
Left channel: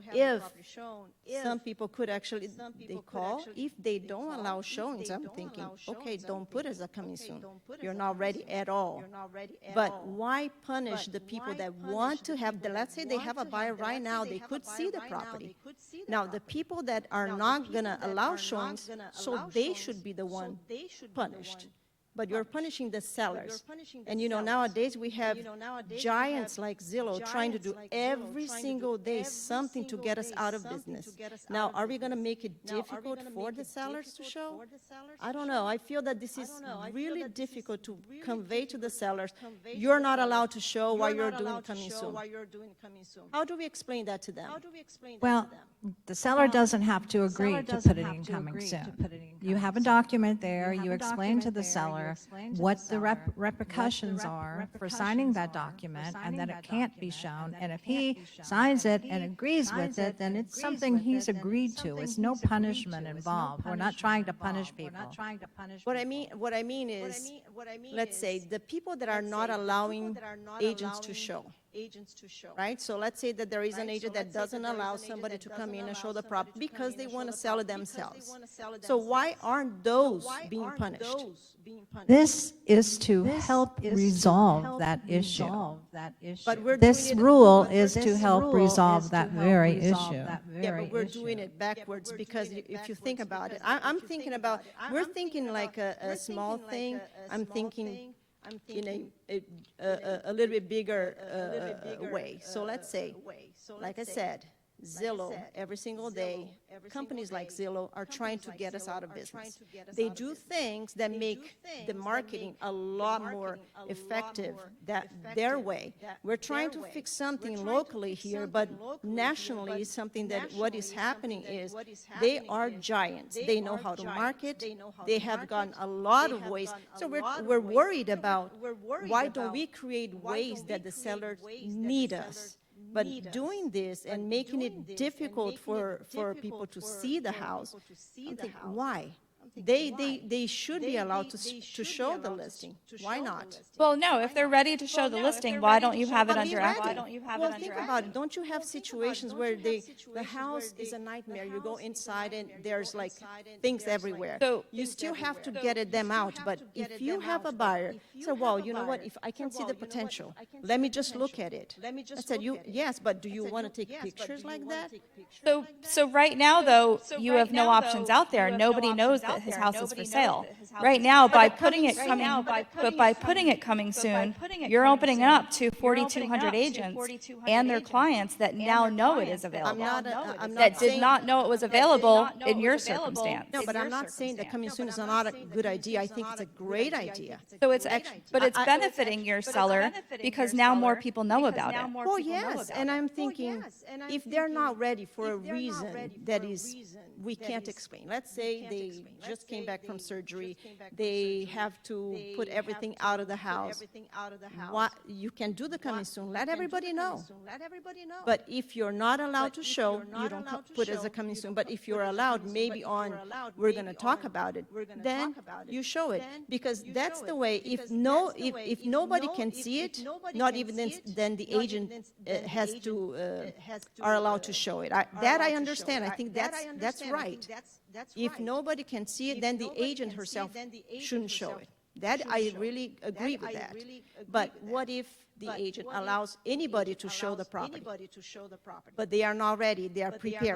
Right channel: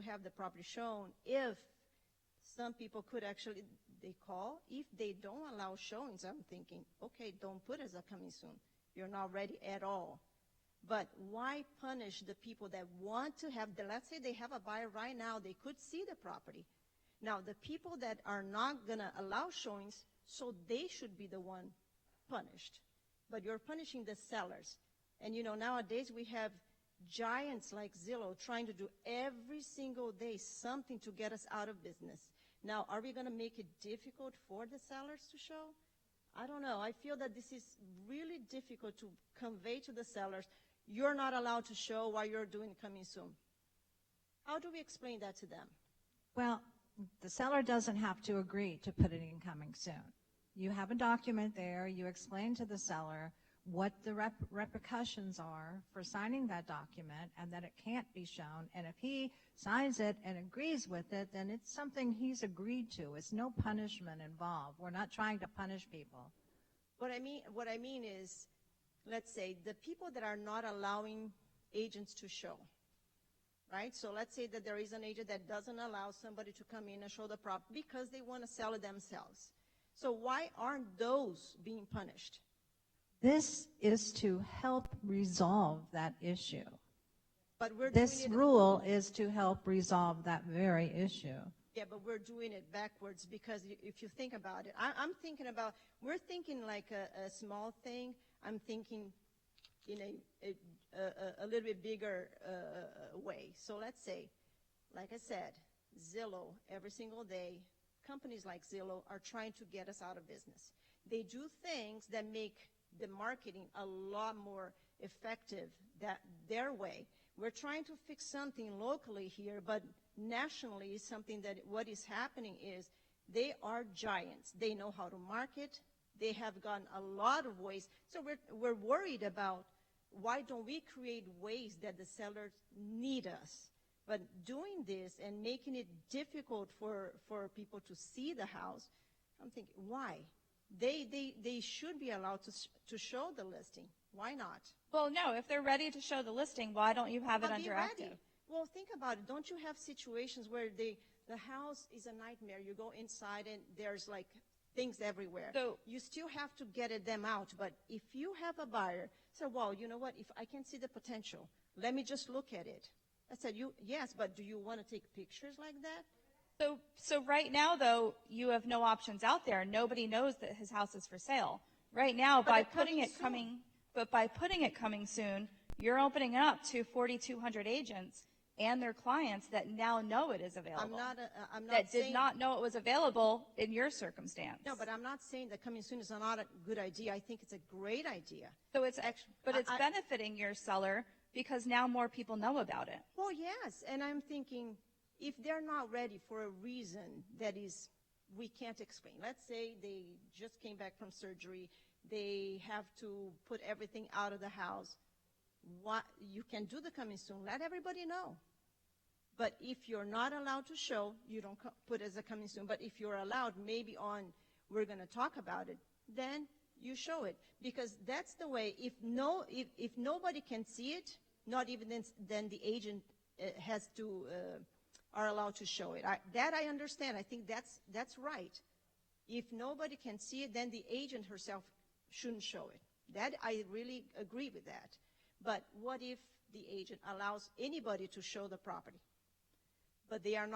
if some people could actually, they call, if they don't allow showings, I'm thinking, okay, don't put as a coming soon. You're not ready at all. But why punish the people that want to have, let's say they have a buyer right now, they could see the property. Now, the people that are not going to allow showings, so they should be the one punished. But you're punishing the sellers. And you know, nowadays we have giants like Zillow trying to do every single day something to get us out of business. Now, are we going to make it difficult for the sellers to show? I don't know. I feel that this is really difficult to convey to the sellers. You're not allowed to show while you're doing coming soon. How do we explain that to them? Well, the seller doesn't have to agree to put it in coming soon. You have a document there, you explain to the seller what the repercussions are for signing that document, and that it can't be shown. And if he signs it and agrees with it, then it's something he's agreed to. It's no punishment involved. We're not trying to punish people. What I mean is, let's say the people that are not allowing agents to show, right? So let's say that there is an agent that doesn't allow somebody to come in and show the property because they want to sell it themselves. So why aren't those being punished? This is to help resolve that issue. This rule is to help resolve that very issue. Yeah, but we're doing it backwards because if you think about it, I'm thinking about, we're thinking like a small thing. I'm thinking a little bit bigger way. So let's say, like I said, Zillow, every single day, companies like Zillow are trying to get us out of business. They do things that make the marketing a lot more effective their way. We're trying to fix something locally here, but nationally, something that what is happening is they are giants. They know how to market. They have gotten a lot of ways. So we're worried about why don't we create ways that the sellers need us. But doing this and making it difficult for people to see the house, why? They should be allowed to show the listing. Why not? Well, no, if they're ready to show the listing, why don't you have it under active? Why don't you have it under active? Don't you have situations where the house is a nightmare? You go inside and there's like things everywhere. So you still have to get them out. But if you have a buyer, so well, you know what? If I can see the potential, let me just look at it. I said, yes, but do you want to take pictures like that? So right now, though, you have no options out there. Nobody knows that his house is for sale. Right now, by putting it coming soon, you're opening it up to 4,200 agents and their clients that now know it is available, that did not know it was available in your circumstance. No, but I'm not saying that coming soon is not a good idea. I think it's a great idea. So it's benefiting your seller because now more people know about it. Oh, yes, and I'm thinking, if they're not ready for a reason that is we can't explain. Let's say just came back from surgery, they have to put everything out of the house. You can do the coming soon, let everybody know. But if you're not allowed to show, you don't put it as a coming soon. But if you're allowed, maybe on, we're going to talk about it, then you show it. Because that's the way, if nobody can see it, not even then the agent are allowed to show it. That I understand. I think that's right. If nobody can see it, then the agent herself shouldn't show it. That I really agree with that. But what if the agent allows anybody to show the property? But they are not ready. They are preparing.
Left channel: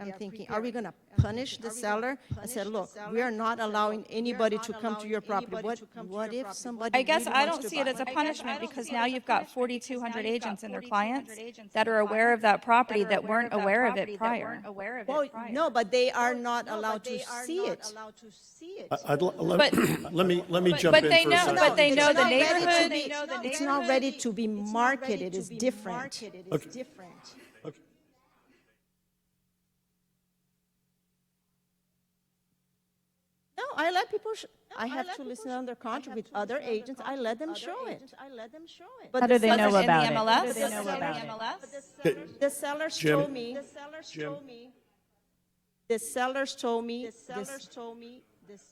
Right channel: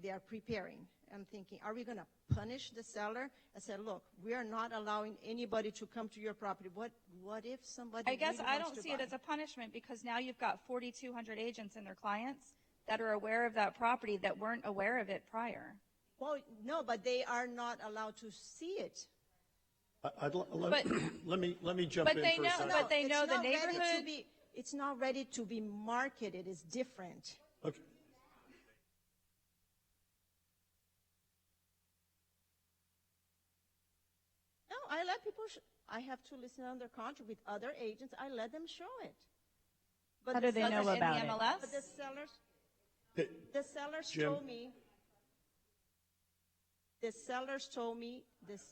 I'm thinking, are we going to punish the seller and say, look, we are not allowing anybody to come to your property? What if somebody? I guess I don't see it as a punishment because now you've got 4,200 agents and their clients that are aware of that property that weren't aware of it prior. No, but they are not allowed to see it. Let me jump But in they for a know, second. but they know the neighborhood. They know the It's neighborhood. not ready to be marketed. It's different. Okay. No, I let people. I have to listen under contract with other agents. I let them show it. But How do they know in the about it? MLS? How do they know Does it about in it? the MLS? the sellers Jim. told me. The sellers told me this.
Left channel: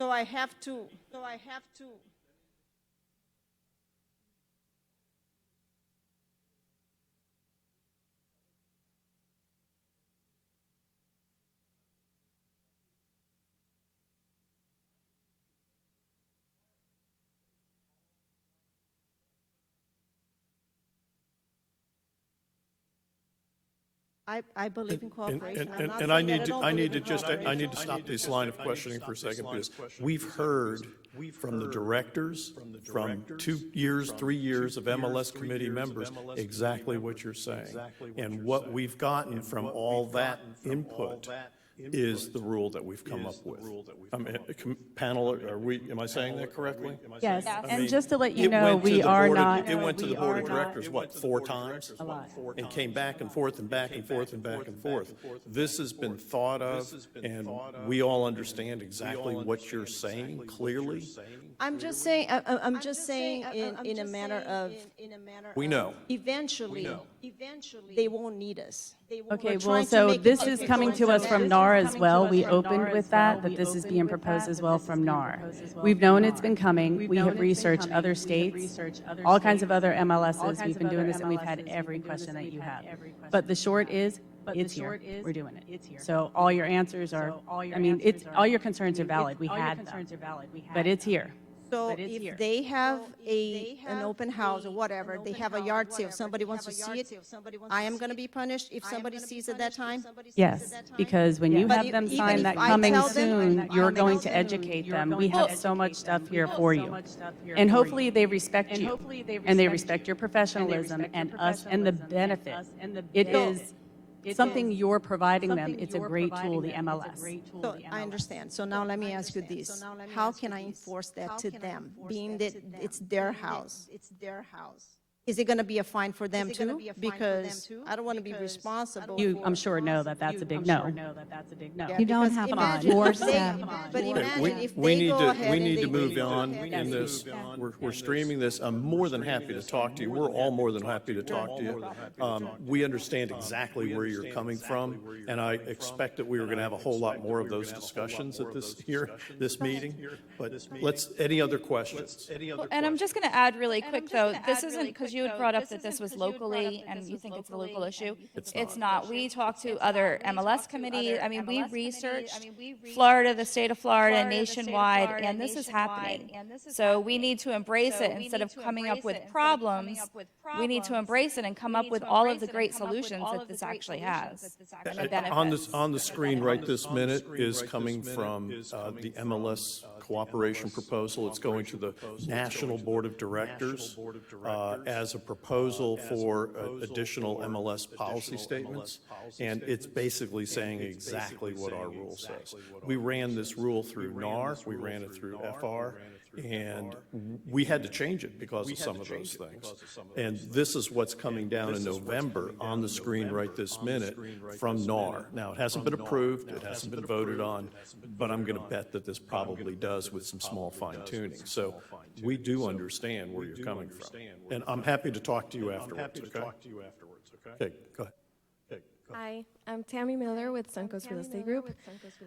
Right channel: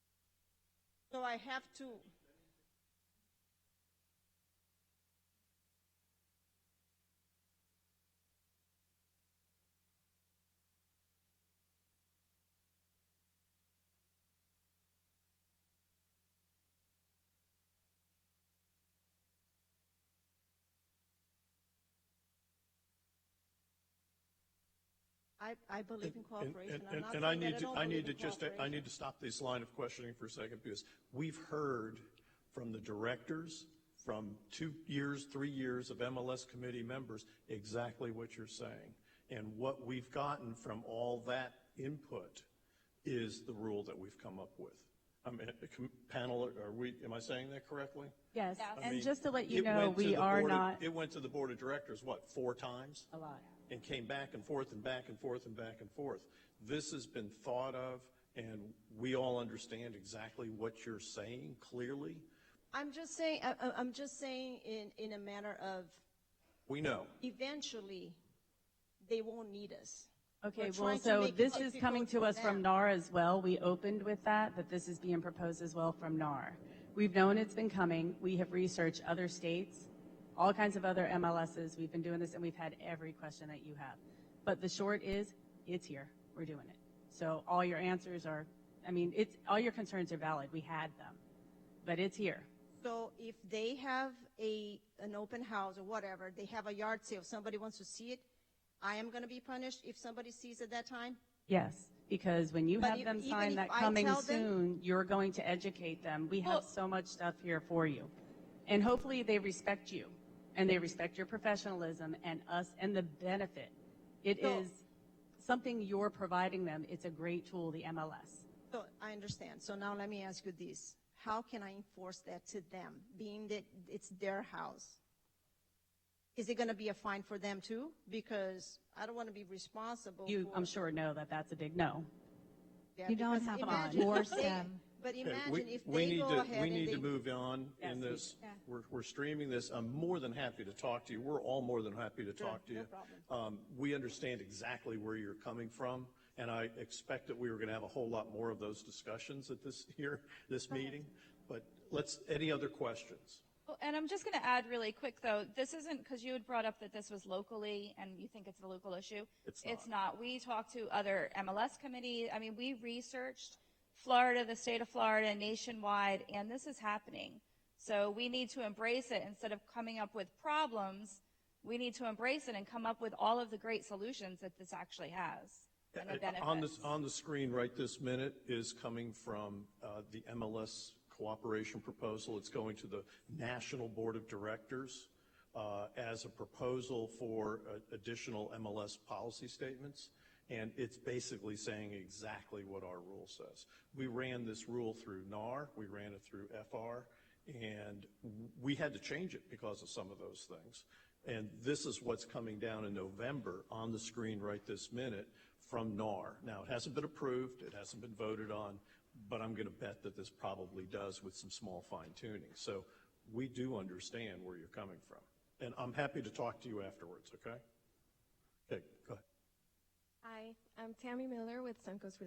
So I have to. I believe in cooperation. And I need to stop this line of questioning for a second, because we've heard from the directors, from 2 years, 3 years of MLS committee members, exactly what you're saying. And what we've gotten from all that input is the rule that we've come up with. Panel, am I saying that correctly? Yes, I and mean, just to let you it know, went to we the are board of- not, it went to the we board are of not. directors, what, 4 times? And came back and forth and back and forth and back and forth. This has been thought of, and we all understand exactly what you're saying clearly. I'm just saying. I'm just saying in a manner of. We know. Eventually, they won't need us. Okay, well, so this is coming to us from NAR as well. We opened with that, but this is being proposed as well from NAR. We've known it's been coming. We have researched other states, all kinds of other MLSs. We've been doing this, and we've had every question that you have. But the short is, it's here. We're doing it. It's here. So all your answers are, all your concerns are valid. We had them. But it's here. So if they have an open house or whatever, they have a yard sale, somebody wants to see it, I am going to be punished if somebody sees at that time? Yes, because when you have them sign that coming soon, you're going to educate them. We have so much stuff here for you. And hopefully they respect you. And they respect your professionalism and us and the benefits. It is, it's something you're providing them. It's a great tool, the MLS. So I understand. So now let me ask you this. How can I enforce that to them, being that it's their house? Is it going to be a fine for them too? Because I don't want to be responsible. You, I'm sure know that that's a big no. You don't have to force them. But imagine if We they need go to, ahead we and need they to move go on. ahead We and need they this. move on. We're streaming this. I'm more than happy to talk to you. We're all more than happy to talk to you. We understand exactly where you're coming from, and I expect that we are going to have a whole lot more of those discussions at this meeting. But let's, any other questions? And I'm just going to add really quick, though, this isn't because you had brought up that this was locally, and you think it's a local issue. It's not. We talked to other MLS committee. I mean, we researched Florida, the state of Florida, nationwide, and this is happening. So we need to embrace it instead of coming up with problems. We need to embrace it and come up with all of the great solutions that this actually has. On the screen right this minute is coming from the MLS cooperation proposal. It's going to the National Board of Directors as a proposal for additional MLS policy statements. And it's basically saying exactly what our rule says. We ran this rule through NAR, we ran it through FR, and we had to change it because of some of those things. And this is what's coming down in November on the screen right this minute from NAR. Now, it hasn't been approved, it hasn't been voted on, but I'm going to bet that this probably does with some small fine-tuning. So we do understand where you're coming from. And I'm happy to talk to you afterwards. Okay, go ahead. Hi, I'm Tammy Miller with Suncoast Real Estate Group.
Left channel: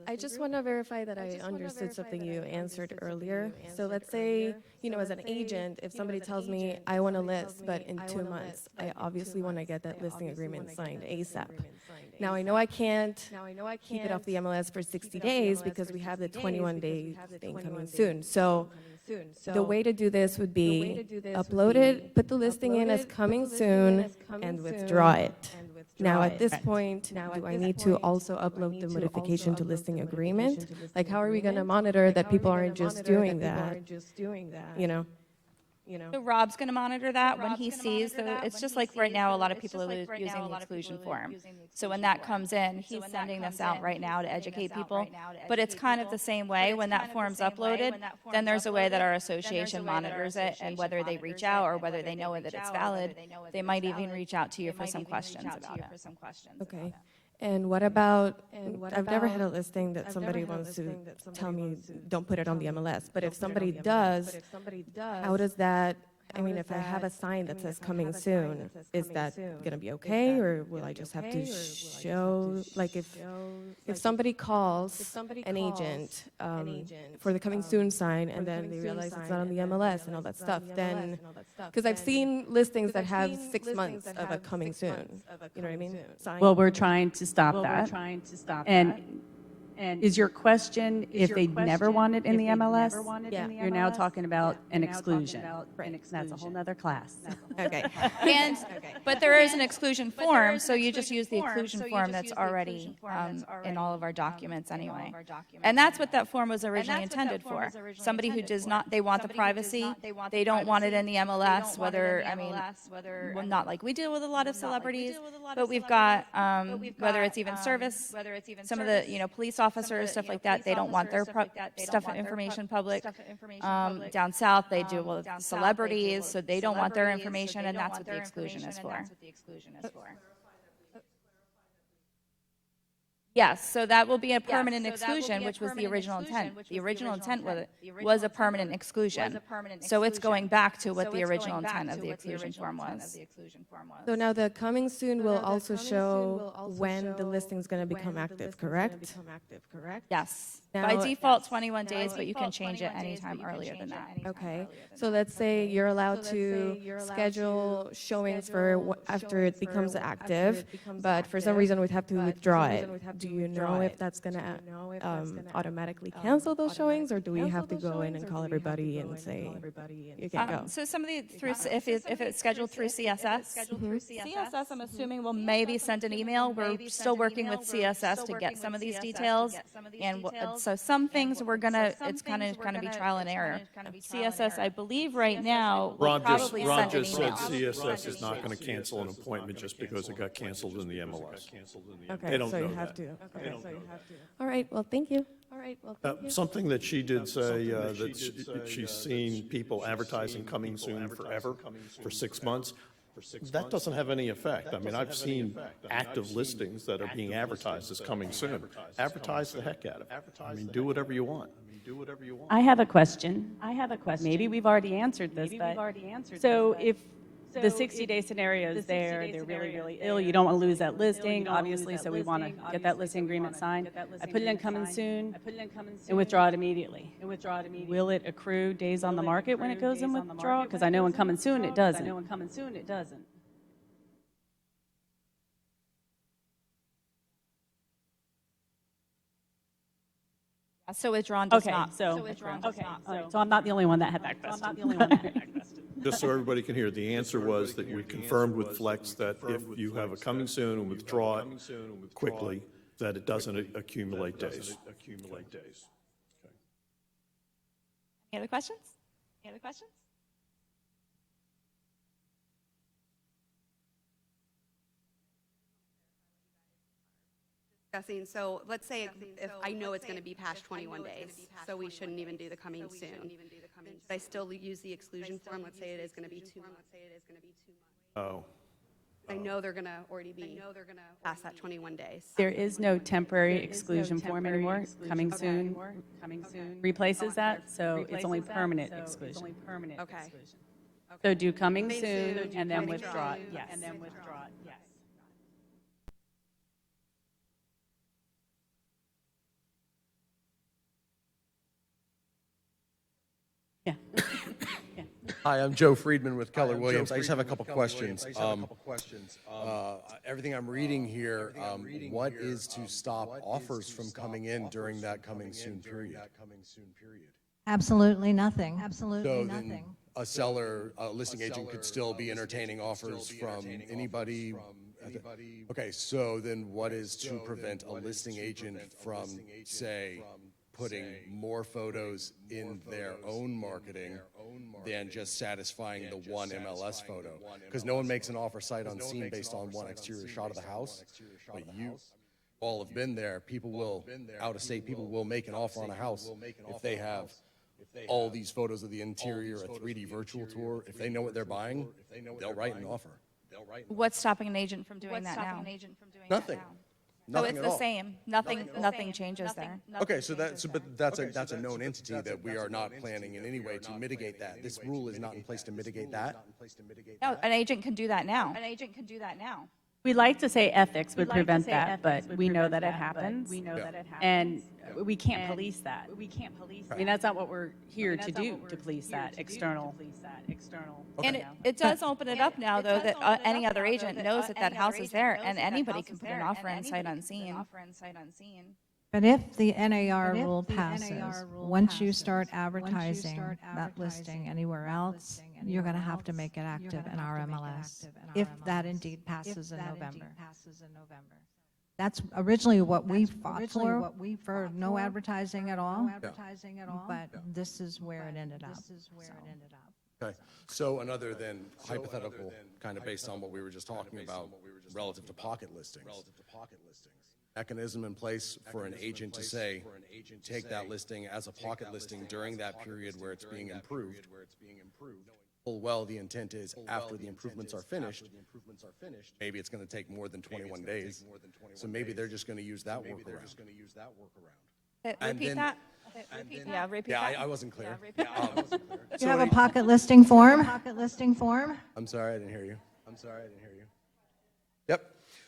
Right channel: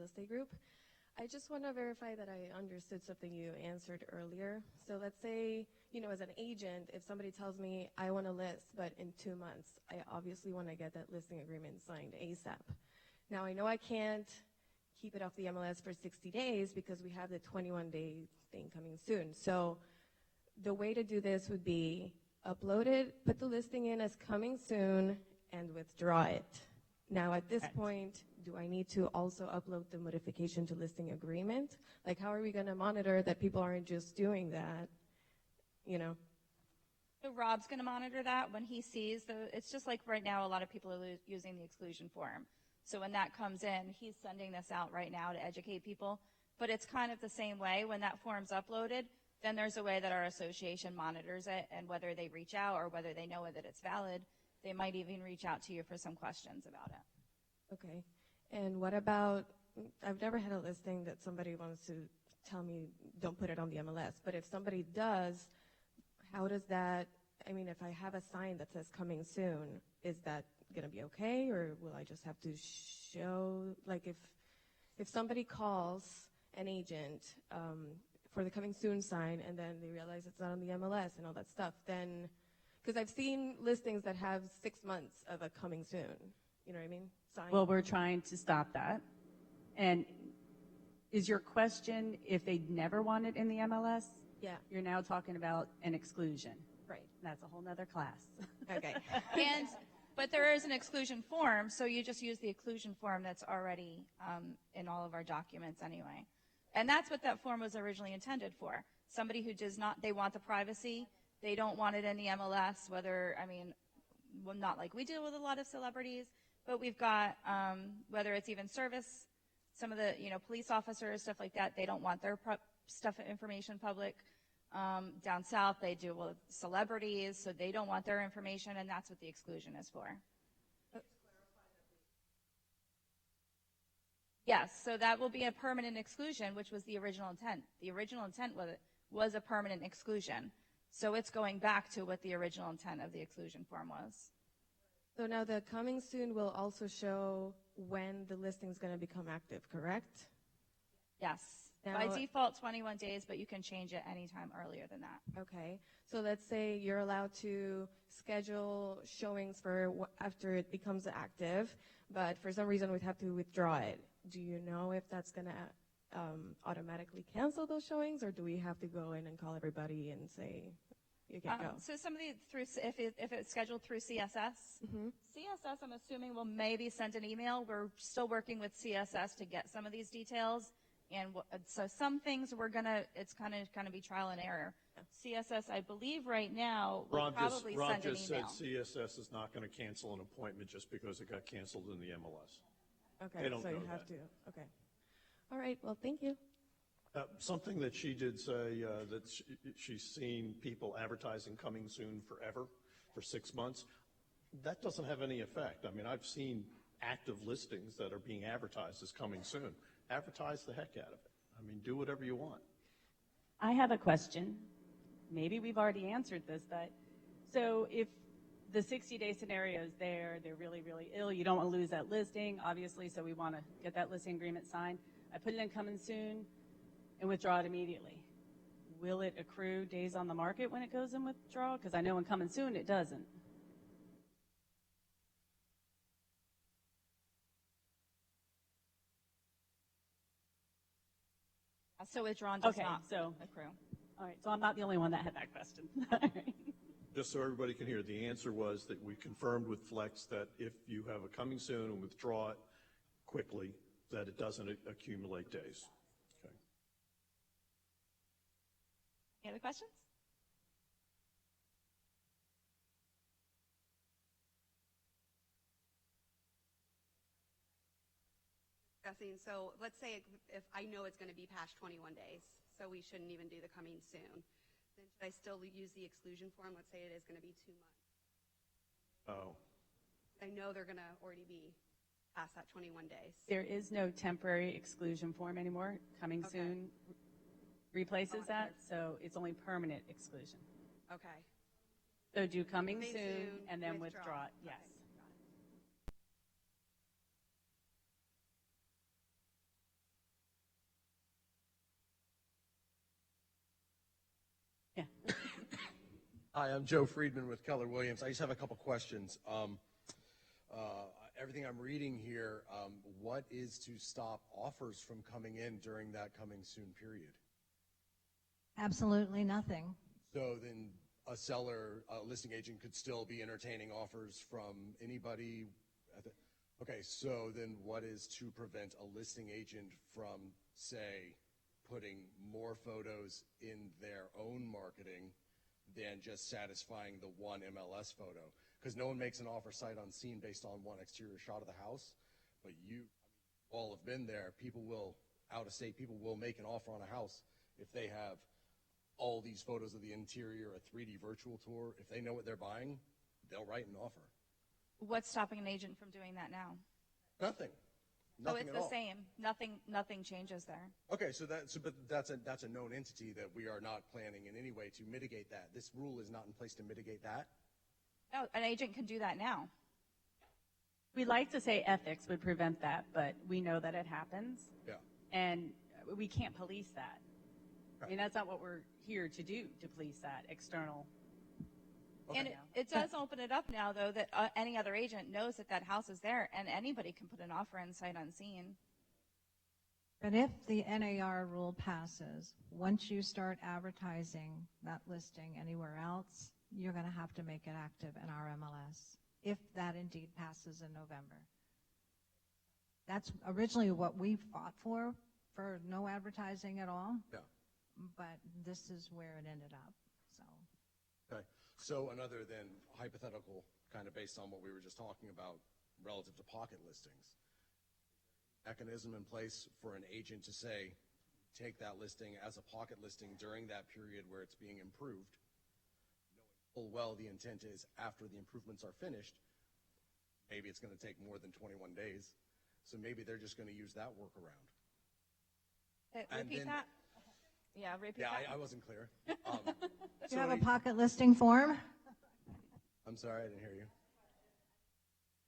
I just want to verify that I understood something you answered earlier. So let's say, as an agent, if somebody tells me I want to list, but in 2 months, I obviously want to get that listing agreement signed ASAP. Now I know I can't keep it off the MLS for 60 days because we have the 21-day thing coming soon. So the way to do this would be upload it, put the listing in as coming soon, and withdraw it. Now at this point, do I need to also upload the modification to listing agreement? Like, how are we going to monitor that people aren't just doing that? So Rob's going to monitor that when he sees that. It's just like right now, a lot of people are using the exclusion form. So when that comes in, he's sending this out right now to educate people. But it's kind of the same way. When that form's uploaded, then there's a way that our association monitors it, and whether they reach out or whether they know that it's valid, they might even reach out to you for some questions about it. Okay. And what about, I've never had a listing that somebody wants to tell me, don't put it on the MLS. But if somebody does, how does that, if I have a sign that says coming soon, is that going to be okay? Or will I just have to show, like if somebody calls an agent for the coming soon sign, and then they realize it's not on the MLS and all that stuff, then, because I've seen listings that have 6 months of a coming soon. You know what I mean? Well, we're trying to stop that. And is your question if they never want it in the MLS? You're now talking about an exclusion. That's a whole nother class. Okay. But there is an exclusion form, so you just use the exclusion form that's already in all of our documents anyway. And that's what that form was originally intended for. Somebody who does not, they want the privacy, they don't want it in the MLS, whether, not like we deal with a lot of celebrities, but we've got, whether it's even service, some of the, police officers, stuff like that, they don't want their information public. Down south, they deal with celebrities, so they don't want their information, and that's what the exclusion is for. Yes, so that will be a permanent exclusion, which was the original intent. The original intent was a permanent exclusion. So it's going back to what the original intent of the exclusion form was. So now the coming soon will also show when the listing is going to become active, correct? Yes. By default, 21 days, but you can change it anytime earlier than that. Okay. So let's say you're allowed to schedule showings for after it becomes active, but for some reason we'd have to withdraw it. Do you know if that's going to automatically cancel those showings, or do we have to go in and call everybody and say you can't go? So somebody through, if it's scheduled through CSS, CSS, I'm assuming will maybe send an email. We're still working with CSS to get some of these details, and so some things it's kind of going to be trial and error. CSS, I believe right now, Ron just said CSS is not going to cancel an appointment just because it got canceled in the MLS. They don't know that. All right, well, thank you. Something that she did say, that she's seen people advertising coming soon forever for 6 months. That doesn't have any effect. I mean, I've seen active listings that are being advertised as coming soon. Advertise the heck out of it. I mean, do whatever you want. I have a question. Maybe we've already answered this. So the 60-day scenario is there, they're really, really ill, you don't want to lose that listing, obviously, so we want to get that listing agreement signed. I put it in coming soon, and withdraw it immediately. Will it accrue days on the market when it goes in withdrawal? Because I know in coming soon it doesn't. So withdrawn does not. So I'm not the only one that had that question. Just so everybody can hear, the answer was that you confirmed with Flex that if you have a coming soon and withdraw it quickly, that it doesn't accumulate days. Any other questions? Discussing, so let's say if I know it's going to be past 21 days, so we shouldn't even do the coming soon. Should I still use the exclusion form? Let's say it is going to be 2 months. Oh. I know they're going to already be past that 21 days. There is no temporary exclusion form anymore. Coming soon replaces that, so it's only permanent exclusion. So do coming soon and then withdraw it, yes. Yeah. Hi, I'm Joe Friedman with Keller Williams. I just have a couple questions. Everything I'm reading here, what is to stop offers from coming in during that coming soon period? Absolutely nothing, So absolutely then nothing. a seller, a listing agent could still be entertaining offers from anybody? Okay, so then what is to prevent a listing agent from, say, putting more photos in their own marketing than just satisfying the one MLS photo? Because no one makes an offer sight unseen based on one exterior shot of the house. But you all have been there. People will, out of state people will make an offer on a house if they have all these photos of the interior, a 3D virtual tour. If they know what they're buying, they'll write an offer. What's stopping an agent from doing that now? Nothing. So Nothing it's at the all. same. Nothing changes there. Okay, so that's a known entity that we are not planning in any way to mitigate that. This rule is not in place to mitigate that. No, an agent can do that now. We like to say ethics would prevent that, but we know that it happens. And we can't police that. I mean, that's not what we're here to do, to police that external. And it does open it up now, though, that any other agent knows that that house is there, and anybody can put an offer in sight unseen. But if the NAR rule passes, once you start advertising that listing anywhere else, you're going to have to make it active in our MLS, if that indeed passes in November. That's originally what we fought for no advertising at all, but this is where it ended up. Okay, so another than hypothetical, kind of based on what we were just talking about, relative to pocket listings, mechanism in place for an agent to say, take that listing as a pocket listing during that period where it's being improved. Full well, the intent is after the improvements are finished, maybe it's going to take more than 21 days. So maybe they're just going to use that workaround. Repeat that. Yeah, I wasn't clear. You have a pocket listing form? I'm sorry, I didn't hear you. Yep.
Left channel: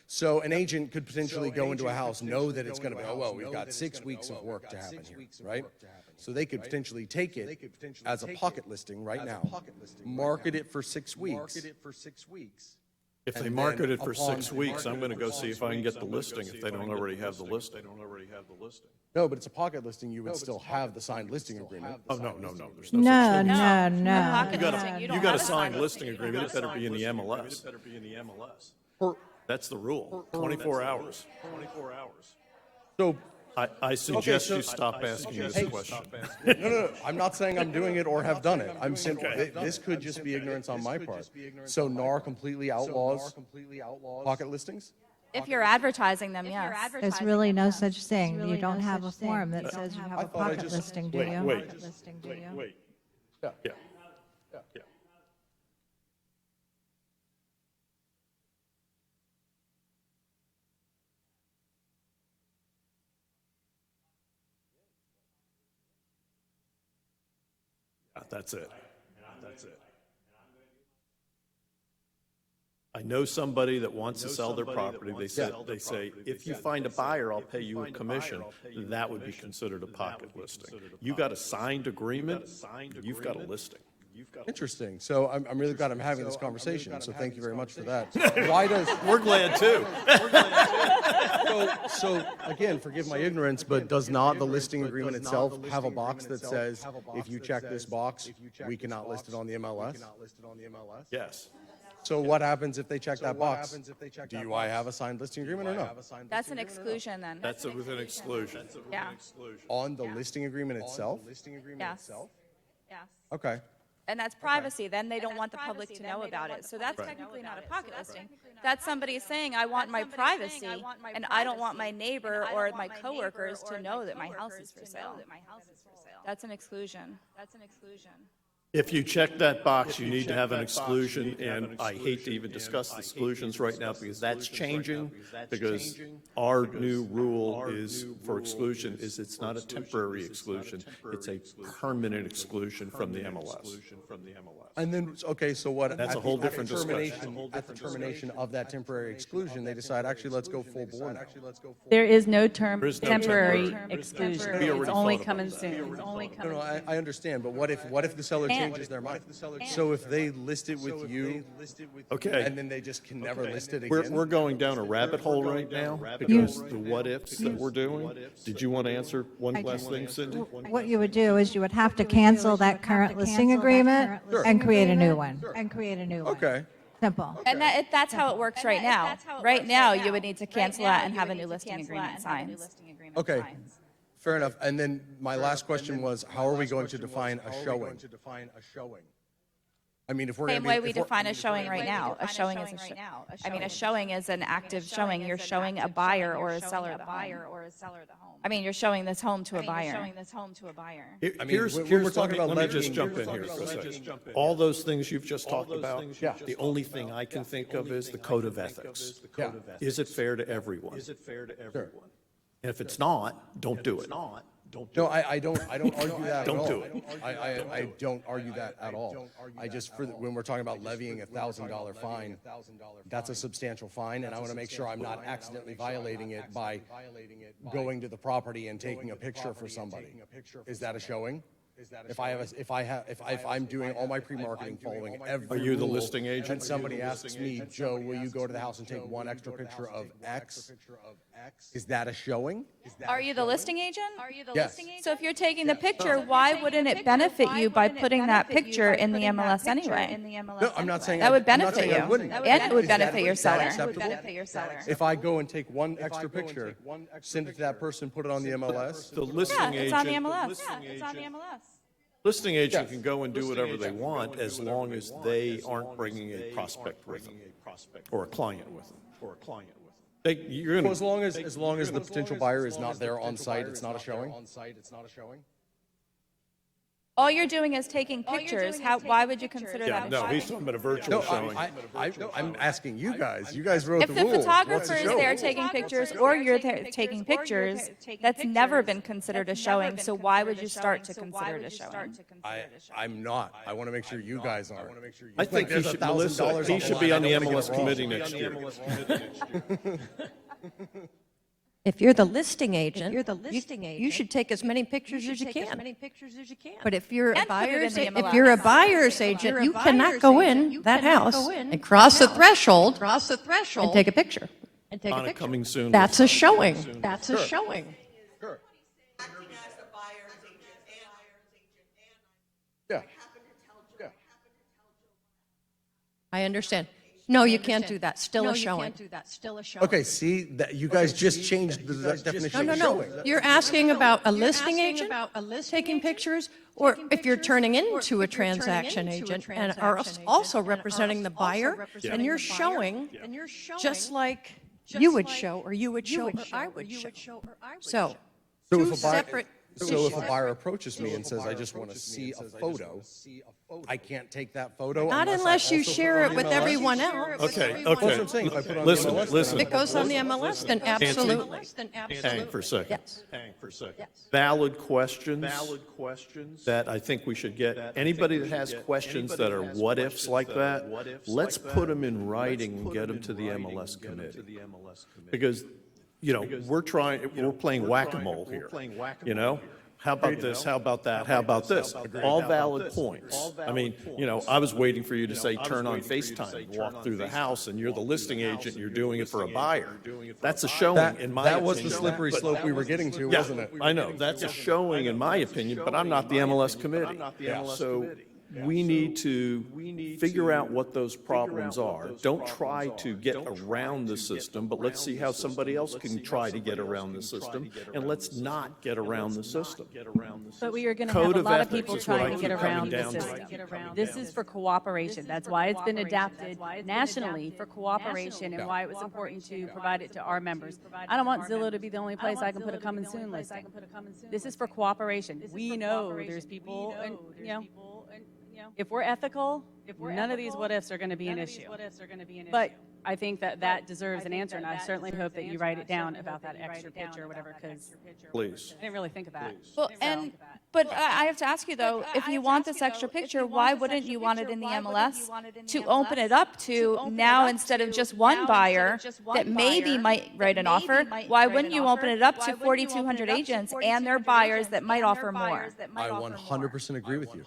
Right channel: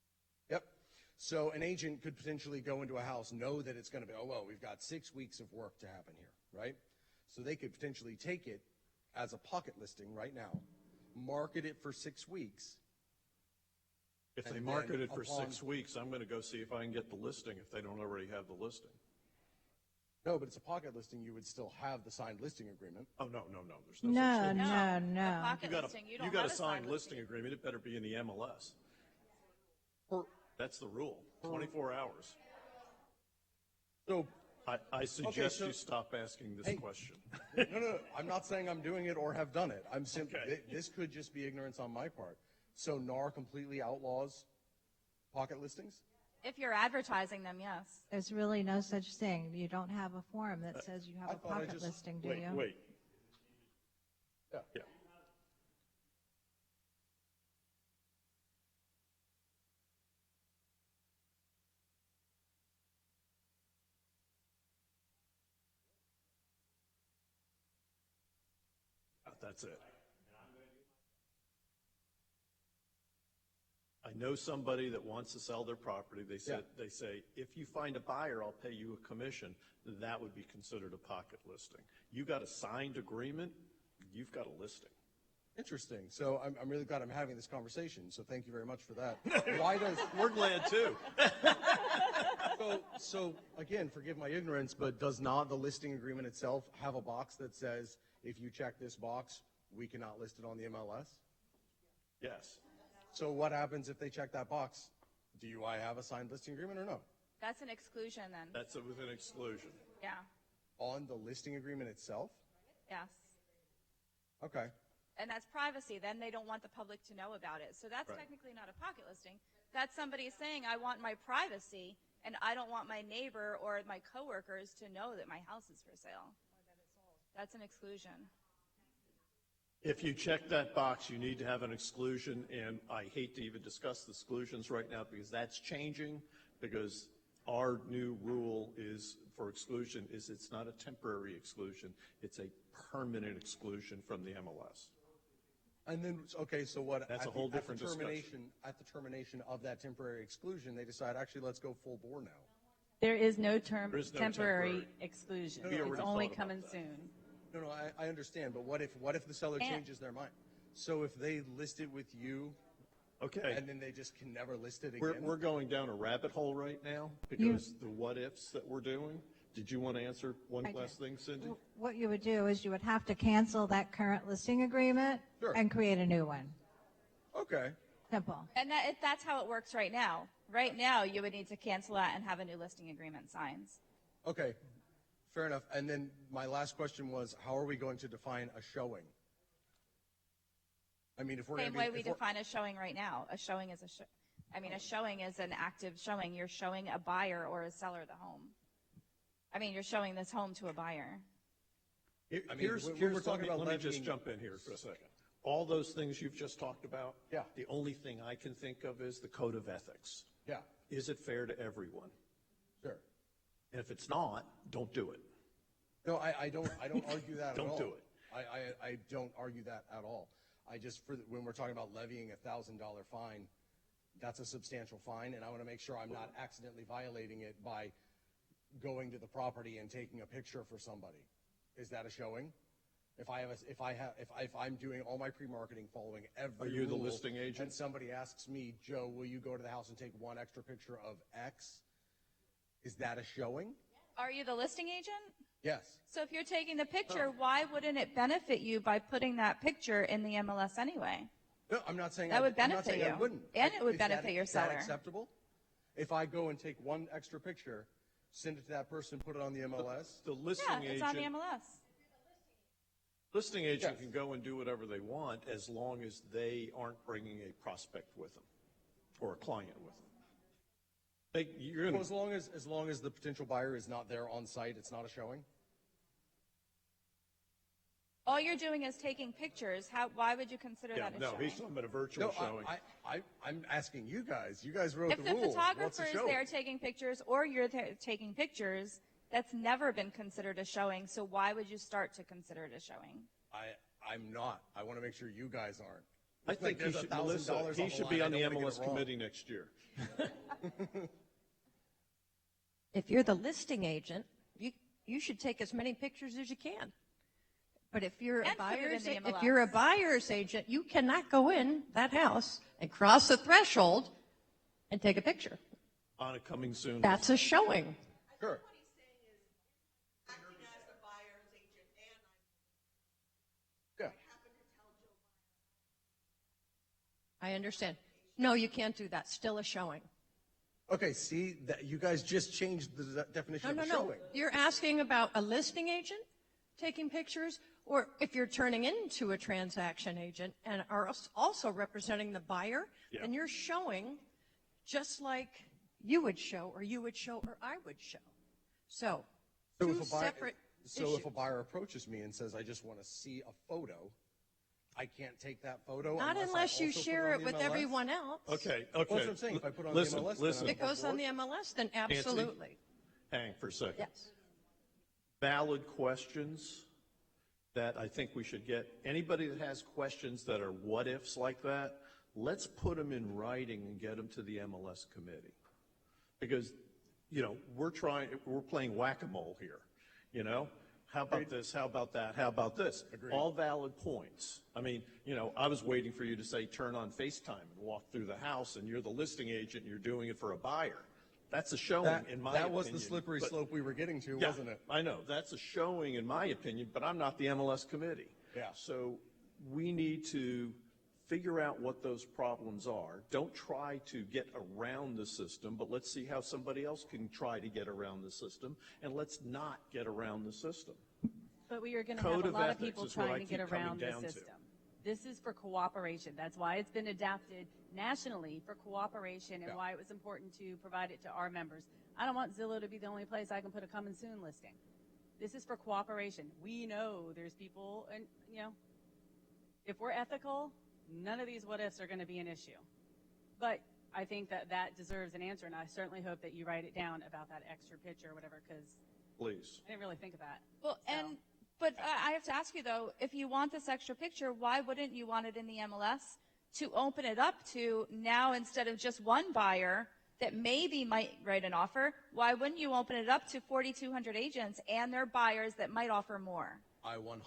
So an agent could potentially go into a house, know that it's going to be, well, we've got 6 weeks of work to happen here, right? So they could potentially take it as a pocket listing right now, market it for 6 weeks. If they market it for 6 weeks, I'm going to go see if I can get the listing if they don't already have the listing. No, but it's a pocket listing, you would still have the signed listing agreement. Oh, no. You You got a signed listing agreement, it better be in the MLS. That's the rule, 24 hours. So I suggest you stop asking this question. No, I'm not saying I'm doing it or have done it. I'm saying this could just be ignorance on my part. So NAR completely outlaws pocket listings? If you're advertising them, yes. There's really no such thing. You don't have a form that says you have a pocket listing, do you? Wait. Yeah. That's it. I know somebody that wants to sell their property. They say, if you find a buyer, I'll pay you a commission. That would be considered a pocket listing. You got a signed agreement, you've got a listing. Interesting. So I'm really glad I'm having this conversation, so thank you very much for that. Why does... We're glad too. We're glad too. So again, forgive my ignorance, but does not the listing agreement itself have a box that says, if you check this box, we cannot list it on the MLS? Yes. So what happens if they check that box? Do I have a signed listing agreement or no? That's an exclusion then. That's with an exclusion. Yeah. On the listing agreement itself? Yes. Yes. Okay. And that's privacy. Then they don't want the public to know about it. So that's technically not a pocket listing. That's somebody saying, I want my privacy, and I don't want my neighbor or my coworkers to know that my house is for sale. That's an exclusion. That's an exclusion. If you check that box, you need to have an exclusion, and I hate to even discuss exclusions right now because that's changing, because our new rule is for exclusion is it's not a temporary exclusion, it's a permanent exclusion from the MLS. And then, okay, so what? That's a whole different discussion. That's a whole different termination of that temporary exclusion, they decide, actually, let's go full blown. There is no term There is no temporary term. exclusion. We It's already only thought of coming it. soon. It's only coming soon. I understand, but what if the seller changes their mind? So if they list it with you, Okay. and then they just can never list it We're again? going down a rabbit hole right now because the what ifs that we're doing. Did you want to answer one last thing, Cindy? What you would do is you would have to cancel that current listing agreement and create a new one. Okay. Simple. And that's how it works right now. Right now, you would need to cancel that and have a new listing agreement signed. Okay. Fair enough. And then my last question was, how are we going to define a showing? I mean, if we're Same going to way we define a showing right now. A showing right now. I mean, a showing is an active showing. You're showing a buyer or a seller the home. I mean, you're showing this home to a buyer. Here's we're talking about let me just leveraging, jump in. All those things you've just talked about, the only thing I can think of is the code of ethics. Is it fair to everyone? And if it's not, don't do it. No, I don't argue that at all. Don't do it. I don't argue that at all. I just, when we're talking about levying a $1,000 fine, that's a substantial fine, and I want to make sure I'm not accidentally violating it by going to the property and taking a picture for somebody. Is that a showing? If I'm doing all my pre-marketing, following every Are you the rule, listing agent? and somebody asks me, Joe, will you go to the house and take one extra picture of X? Is that a showing? Are you the listing agent? Yes. So if you're taking the picture, why wouldn't it benefit you by putting that picture in the MLS anyway? No, I'm not saying That would I'm not benefit saying I you. wouldn't. And it would benefit your seller. If I go and take one extra picture, send it to that person, put it on the MLS. The listing Yeah, it's on the agent, MLS. Yeah, it's on the MLS. listing agent can go and do whatever they want as long as they aren't bringing a prospect with them or a client with them. You're So gonna, as long as the potential buyer is not there on site, it's not a showing? All you're doing is taking pictures. Why would you consider yeah, that? no, he's talking about a virtual No, showing. I'm asking you guys. You guys wrote If the the rules. photographer is there taking pictures or you're taking pictures, that's never been considered a showing. So why would you start to consider it a showing? I'm not. I want to make sure you guys are. I think he should, Melissa, he should be on the MLS committee next year. If you're the listing agent, you should take as many pictures as you can. But if you're a buyer's agent, you cannot go in that house and cross the threshold and take a picture. On a coming soon. That's a showing. That's a showing. Sure. Yeah. Yeah. I understand. No, you can't do that. Still a showing. Okay, see, that you guys just changed the definition of showing. You're asking about a listing agent taking pictures, or if you're turning into a transaction agent and are also representing the buyer, and you're showing just like you would show, or you would show, or I would show. So, two separate So if a buyer approaches me and says, I just want to see a photo, I can't take that photo? Not unless you share it with everyone else. Okay, That's what okay. I'm saying. If I put it on Listen, the website, listen. If it goes on the MLS, then absolutely. Hang for a second. Yes. Hang for a second. Yes. Valid questions. Valid questions. That I think we should get. That I Anybody think we that has should get. questions Anybody that that are has what ifs questions like that are that, what ifs let's like put that, them in writing and put get them them in to the writing MLS and get them committee. to the MLS committee. Because, you know, Because, we're trying, we're playing whack-a-mole We're here. playing whack-a-mole You know? here. How about You this? know? How about that? How How about about this? this? How about that? All How about valid this? points. All I mean, valid you know, points. I was I mean, waiting for you to you know, say, I was turn on waiting for you to say, FaceTime, turn walk on through the house, FaceTime, and you're the walk through listing the house, agent, and you're you're the doing it for a listing agent, buyer. you're doing it for That's a a buyer. showing, in my That was opinion. the slippery But- slope we were getting to, Yeah, wasn't it? I know, that's a showing in my opinion, but I'm not the MLS committee. I'm not the MLS So committee. we need to figure out what those problems are. Don't try to get around the system, but let's see how somebody else can try to get around the system, and let's not get around the system. But we are going to Code have a of lot of ethics people is what I trying to get keep around coming the down to. system. This is for cooperation. That's why it's been adapted nationally for cooperation and why it was important to provide it to our members. I don't want Zillow to be the only place I can put a coming soon listing. This is for cooperation. We know there's people, and, you know, if we're ethical, none of these what ifs are going to be an issue. But I think that deserves an answer, and I certainly hope that you write it down about that extra picture or whatever, because Please. I didn't really think of that. Well, but I have to ask you though, if you want this extra picture, why wouldn't you want it in the MLS to open it up to now instead of just one buyer that maybe might write an offer? Why wouldn't you open it up to 4,200 agents and their buyers that might offer more? I 100% agree with you.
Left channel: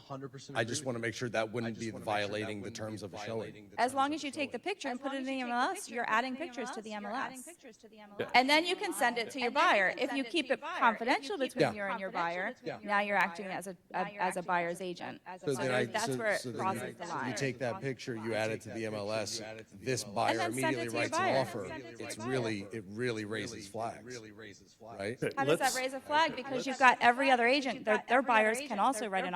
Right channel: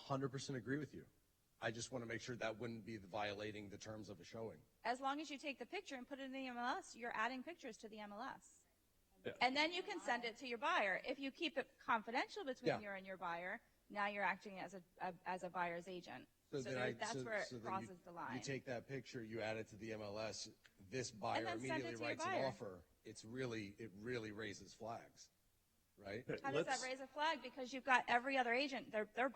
I just want to make sure that wouldn't be violating the terms of the showing. As long as you take the picture and put it in the MLS, you're adding pictures to the MLS. And then you can send it to your buyer. If you keep it confidential between you and your buyer, now you're acting as a buyer's agent. So then That's where it crosses the so you line. take that picture, you add it to the MLS, this buyer And then send immediately it to your writes an buyer. offer. It really raises flags. Right? How does that raise a flag? Because you've got every other agent, their buyers can also write an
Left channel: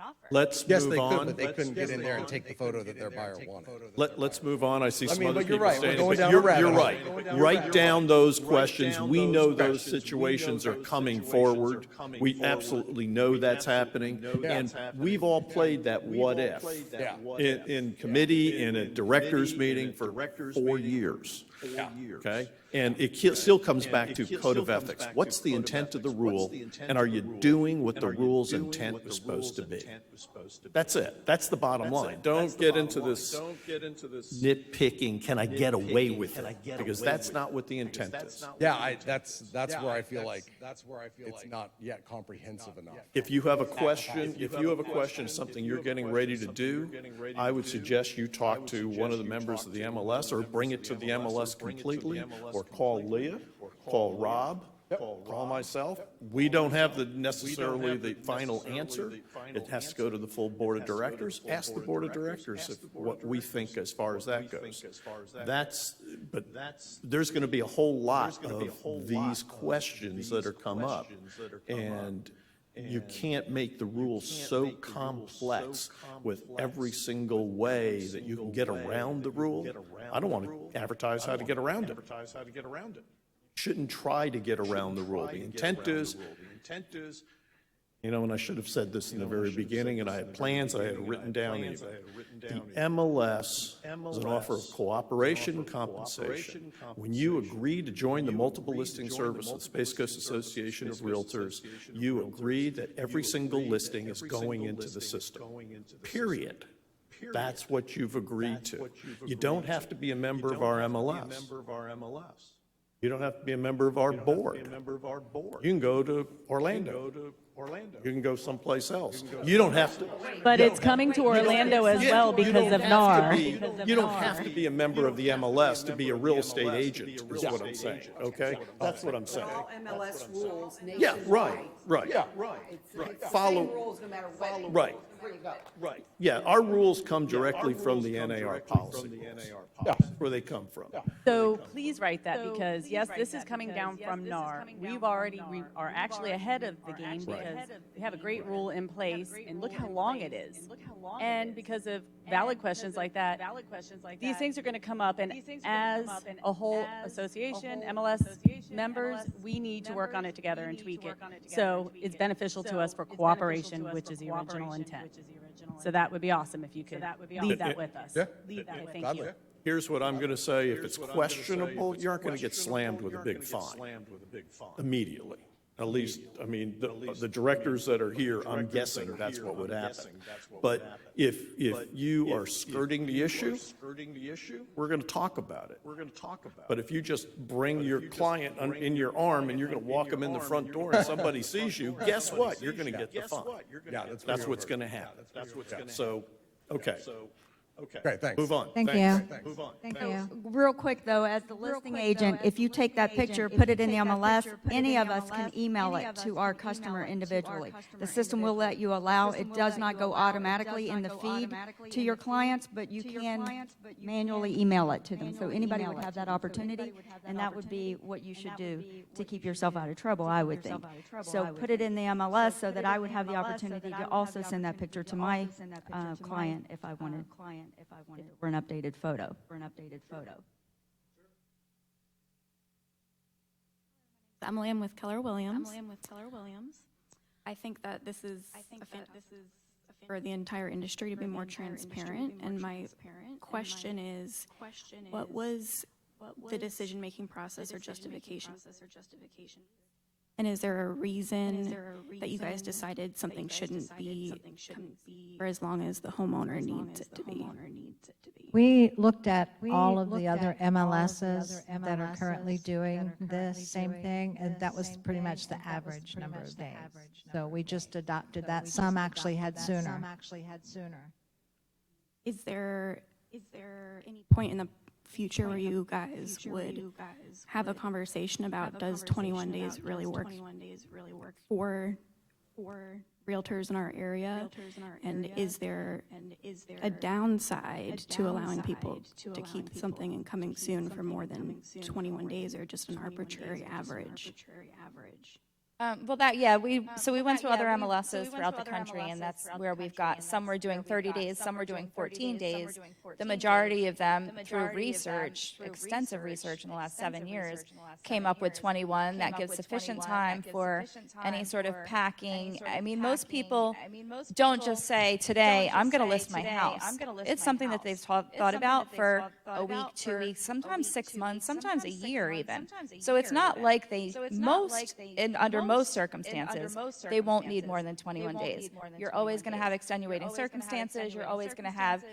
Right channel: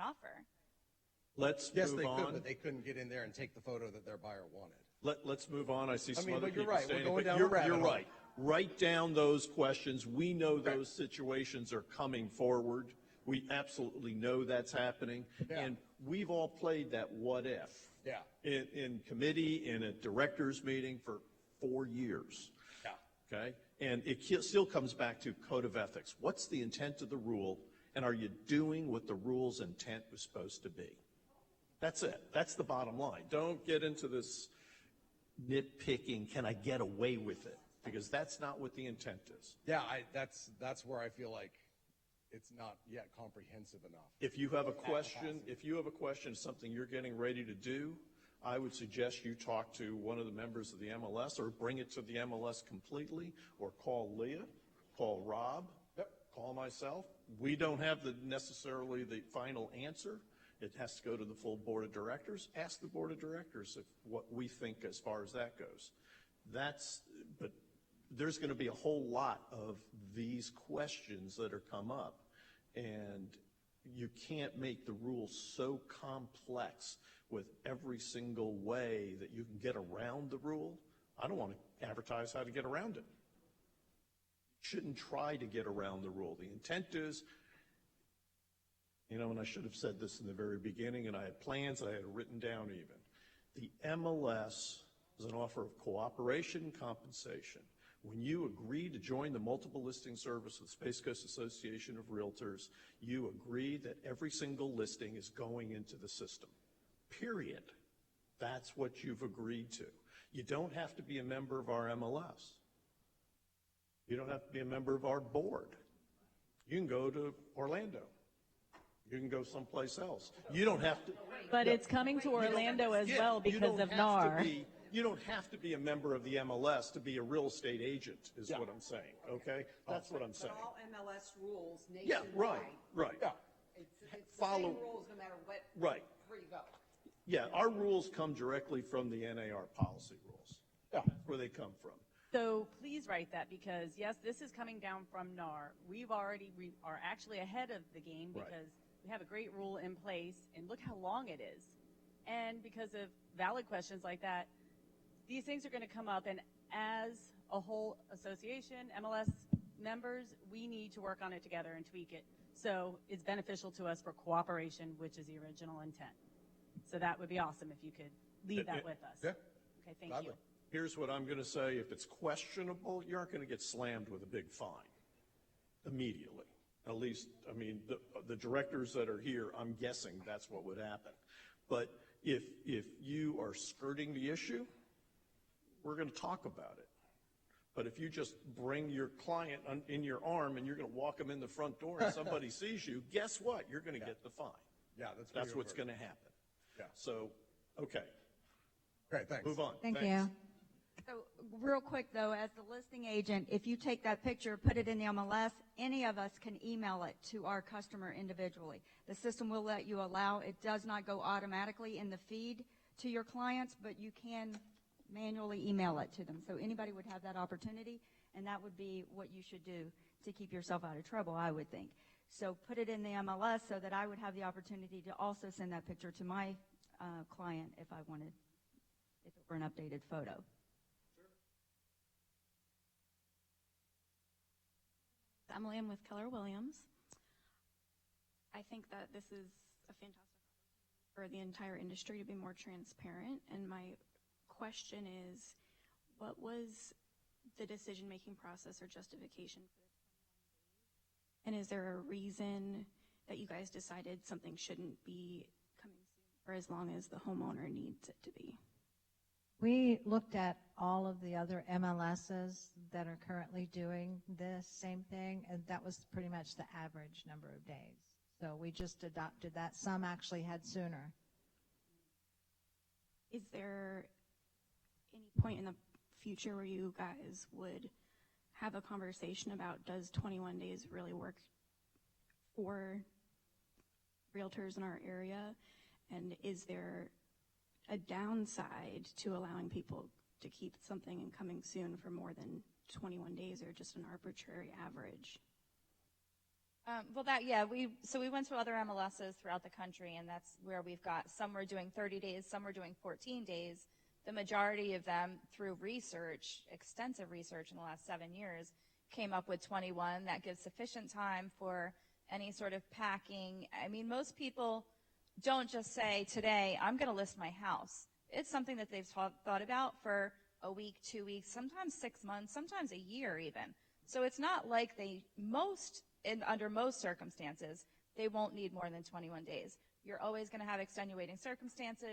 offer. Let's Yes, move they could, on. but they couldn't get in there and take the photo that their buyer wanted. Let's move on. I see some mean, other but you're people right. We're saying, going but down you're a rabbit hole. right. Going down a Write rabbit down hole. those Write questions. down We those know those questions. We know situations are those coming situations forward. are coming We forward. absolutely know We that's absolutely happening. know that's And happening. we've all played that We've what all if played that what in if. in committee, in a director's meeting for director's 4 meeting years. 4 years. Okay? And it still comes And back it to still code of comes ethics. back to What's the code of intent of the ethics? What's rule? the intent And of are the you rule? doing what And the are you rule's doing intent what the was supposed rule's to be? intent was supposed to be? That's it. That's the bottom That's line. it. That's Don't the get bottom into line. this Don't get into this nitpicking. Can I get away nitpicking, with can it? I get Because away that's with not it? what the Because intent that's is. not what Yeah, the intent is. that's Yeah, where I feel like that's where I feel it's like not yet comprehensive enough. If you have a question, if you have a question, something you're getting ready to do, I would suggest you talk to one of the members of the MLS or bring it to the MLS completely, or call Leah, or call Rob, call myself. We don't have necessarily the final answer. It has to go to the full board of directors. Ask the board of directors what we think as far as that goes. There's going to be a whole lot of these questions that are come up. And you can't make the rules so complex with every single way that you can get around the rule. I don't want to advertise how to get around it. Shouldn't try to get around the rule. The intent is, you know, and I should have said this in the very beginning, and I had plans, I had it written down. The MLS is an offer of cooperation and compensation. When you agree to join the Multiple Listing Service of Space Coast Association of Realtors, you agree that every single listing is going into the system. Period. That's what you've agreed to. You don't have to be a member of our MLS. You don't have to be a member of our board. You can go to Orlando. You can go someplace else. You don't have to. But it's coming to Orlando as well because of NAR. You don't have to be a member of the MLS to be a real estate agent, is what I'm saying, okay? That's what I'm saying. Yeah, right. Follow, right. Yeah, our rules come directly from the NAR policy. That's where they come from. So please write that, because yes, this is coming down from NAR. We are actually ahead of the game we have a great rule in place, and look how long it is. And because of valid questions like that, these things are going to come up, and as a whole association, MLS members, we need to work on it together and tweak it. So it's beneficial to us for cooperation, which is the original intent. So that would be awesome if you could leave that with us. Yeah. Leave that with us. Here's what I'm going to say. If it's questionable, you aren't going to get slammed with a big fine immediately. At least, I mean, the directors that are here, I'm guessing that's what would happen. But if you are skirting the issue, we're going to talk about it. But if you just bring your client in your arm and you're going to walk them in the front door and somebody sees you, guess what? You're going to get the fine. That's what's going to happen. So, okay. Okay, thanks. Move on. Thank you. Move on. Thank you. Real quick, though, as the listing agent, if you take that picture, put it in the MLS, any of us can email it to our customer individually. The system will let you allow, it does not go automatically in the feed to your clients, but you can manually email it to them. So anybody would have that opportunity, and that would be what you should do to keep yourself out of trouble, I would think. So put it in the MLS so that I would have the opportunity to also send that picture to my client if I wanted for an updated photo. Emily, I'm with Keller Williams. I think that this is for the entire industry to be more transparent. And my question is, what was the decision-making process or justification? And is there a reason that you guys decided something shouldn't be for as long as the homeowner needs it to be? We looked at all of the other MLSs that are currently doing this same thing, and that was pretty much the average number of days. So we just adopted that. Some actually had sooner. Is there any point in the future where you guys would have a conversation about does 21 days really work for realtors in our area? And is there a downside to allowing people to keep something in coming soon for more than 21 days or just an arbitrary average? Well, we went to other MLSs throughout the country, and that's where we've got, some were doing 30 days, some were doing 14 days. The majority of them, through research, extensive research in the last 7 years, came up with 21. That gives sufficient time for any sort of packing. I mean, most people don't just say, today, I'm going to list my house. It's something that they've thought about for a week, 2 weeks, sometimes 6 months, sometimes a year even. So it's not like under most circumstances, they won't need more than 21 days. You're always going to have extenuating circumstances. You're always going to have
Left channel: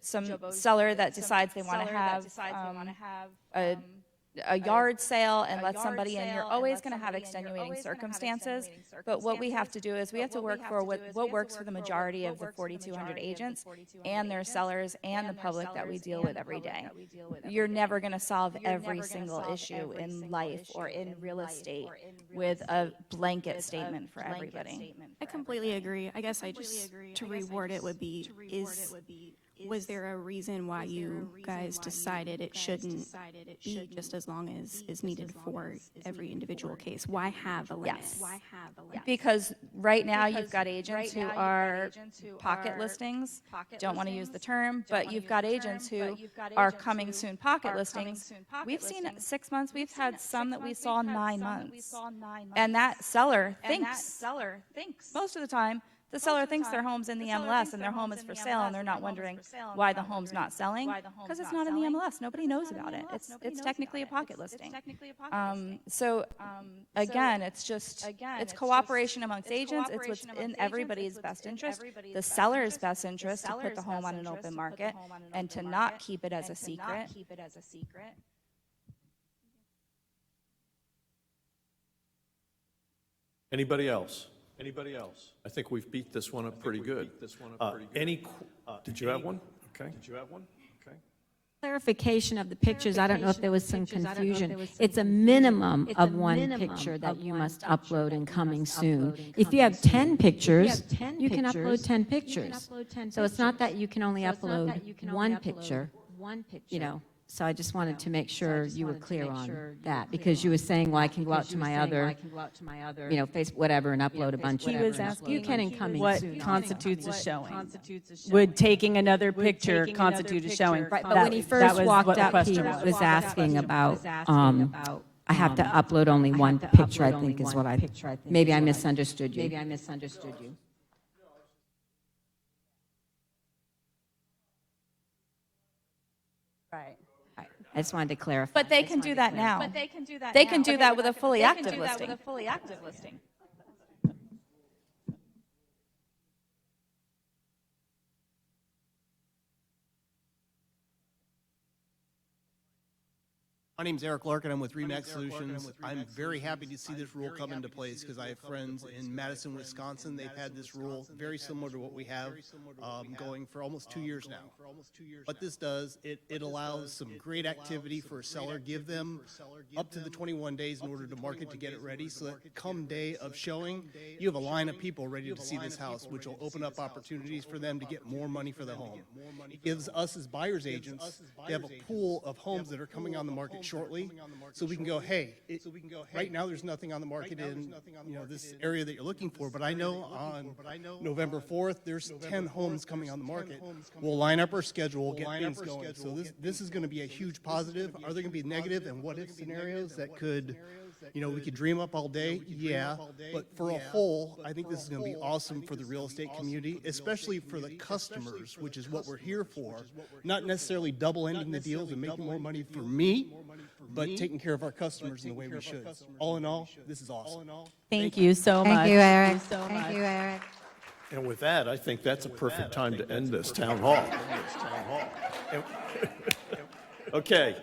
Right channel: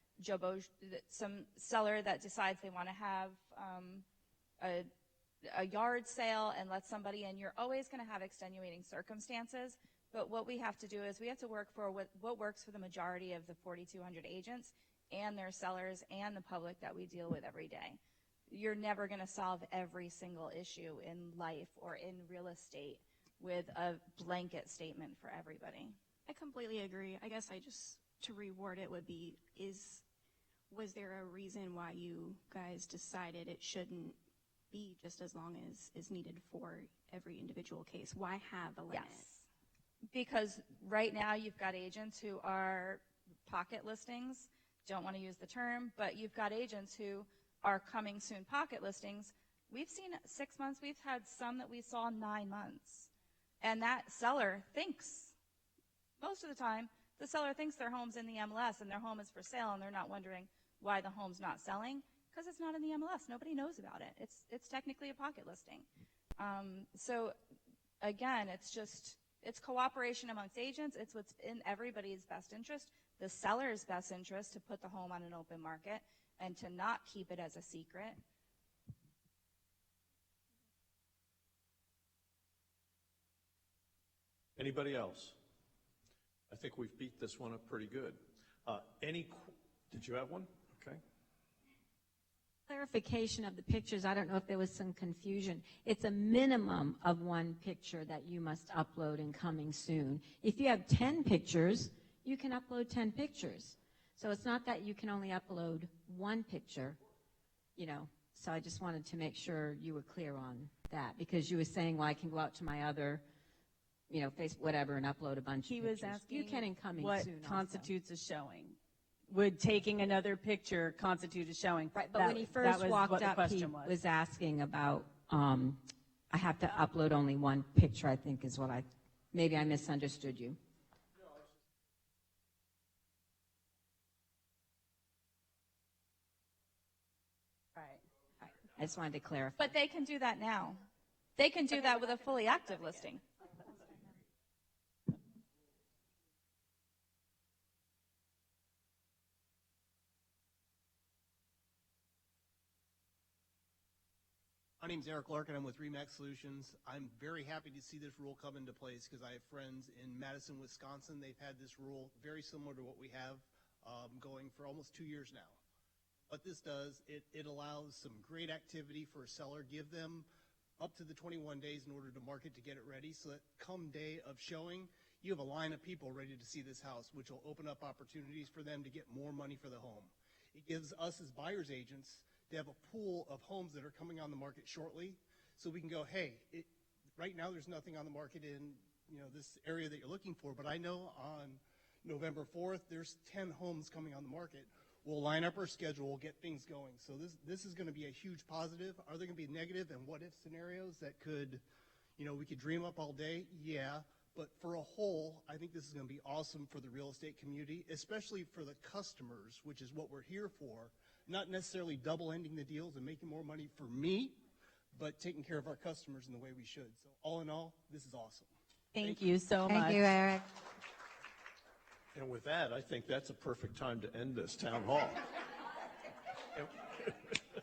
some seller that decides they want to have a yard sale and let somebody in. You're always going to have extenuating circumstances. But what we have to do is we have to work for what works for the majority of the 4,200 agents and their sellers and the public that we deal with every day. You're never going to solve every single issue in life or in real estate with a blanket statement for everybody. I completely agree. I guess to reword it would be, was there a reason why you guys decided it shouldn't be just as long as is needed for every individual case? Why have a limit? Because right now you've got agents who are pocket listings, don't want to use the term, but you've got agents who are coming soon pocket listings. We've seen it 6 months. We've had some that we saw 9 months. And that seller thinks most of the time, the seller thinks their home's in the MLS and their home is for sale, and they're not wondering why the home's not selling, because it's not in the MLS. Nobody knows about it. It's technically a pocket listing. Again, it's cooperation amongst agents. It's in everybody's best interest, the seller's best interest, to put the home on an open market and to not keep it as a secret. Anybody else? I think we've beat this one up pretty good. Did you have one? Okay. Clarification of the pictures, I don't know if there was some confusion. It's a minimum of one picture that you must upload and coming soon. If you have 10 pictures, you can upload 10 pictures. So it's not that you can only upload one picture, So I just wanted to make sure you were clear on that, because you were saying, well, I can go out to my other, you know, Facebook, whatever, and upload a bunch of. He was asking what constitutes a showing. Would taking another picture constitute a showing? Right, but when he first walked up, he was asking about, I have to upload only one picture, I think is what I, maybe I misunderstood you. Right. I just wanted to clarify. But they can do that now. But they can do that They now. can do that with a fully They active can do that with listing. a fully active listing. My name's Eric Larkin. I'm with Remax Solutions. I'm very happy to see this rule come into place because I have friends in Madison, Wisconsin. They've had this rule very similar to what we have going for almost 2 years now. What this does, it allows some great activity for a seller, give them up to the 21 days in order to market to get it ready, so that come day of showing, you have a line of people ready to see this house, which will open up opportunities for them to get more money for the home. It gives us as buyers agents, we have a pool of homes that are coming on the market shortly, so we can go, hey, right now there's nothing on the market in this area that you're looking for, but I know on November 4th, there's 10 homes coming on the market. We'll line up our schedule, So this is going to be a huge positive. Are there going to be negative and what if scenarios that could, we could dream up all day? Yeah, but for a whole, I think this is going to be awesome for the real estate community, especially for the customers, which is what we're here for. Not necessarily double-ending the deals and making more money for me, but taking care of our customers in the way we should. All in all, this is awesome. Thank you so much. Thank you, Eric. Thank you, Eric. And with that, I think that's a perfect time to end this town hall. Okay.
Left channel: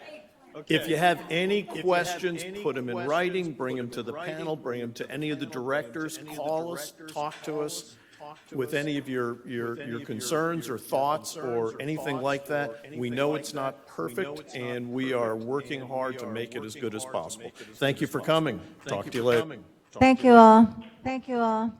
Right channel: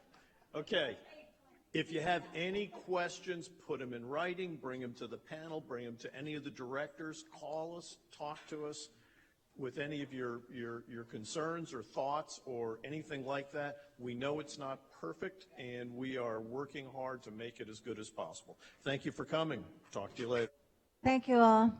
If you have any questions, put them in writing, bring them to the panel, bring them to any of the directors, call us, talk to us with any of your concerns or thoughts or anything like that. We know it's not perfect, and we are working hard to make it as good as possible. Thank you for coming. Talk to you later. Thank you all. Thank you all.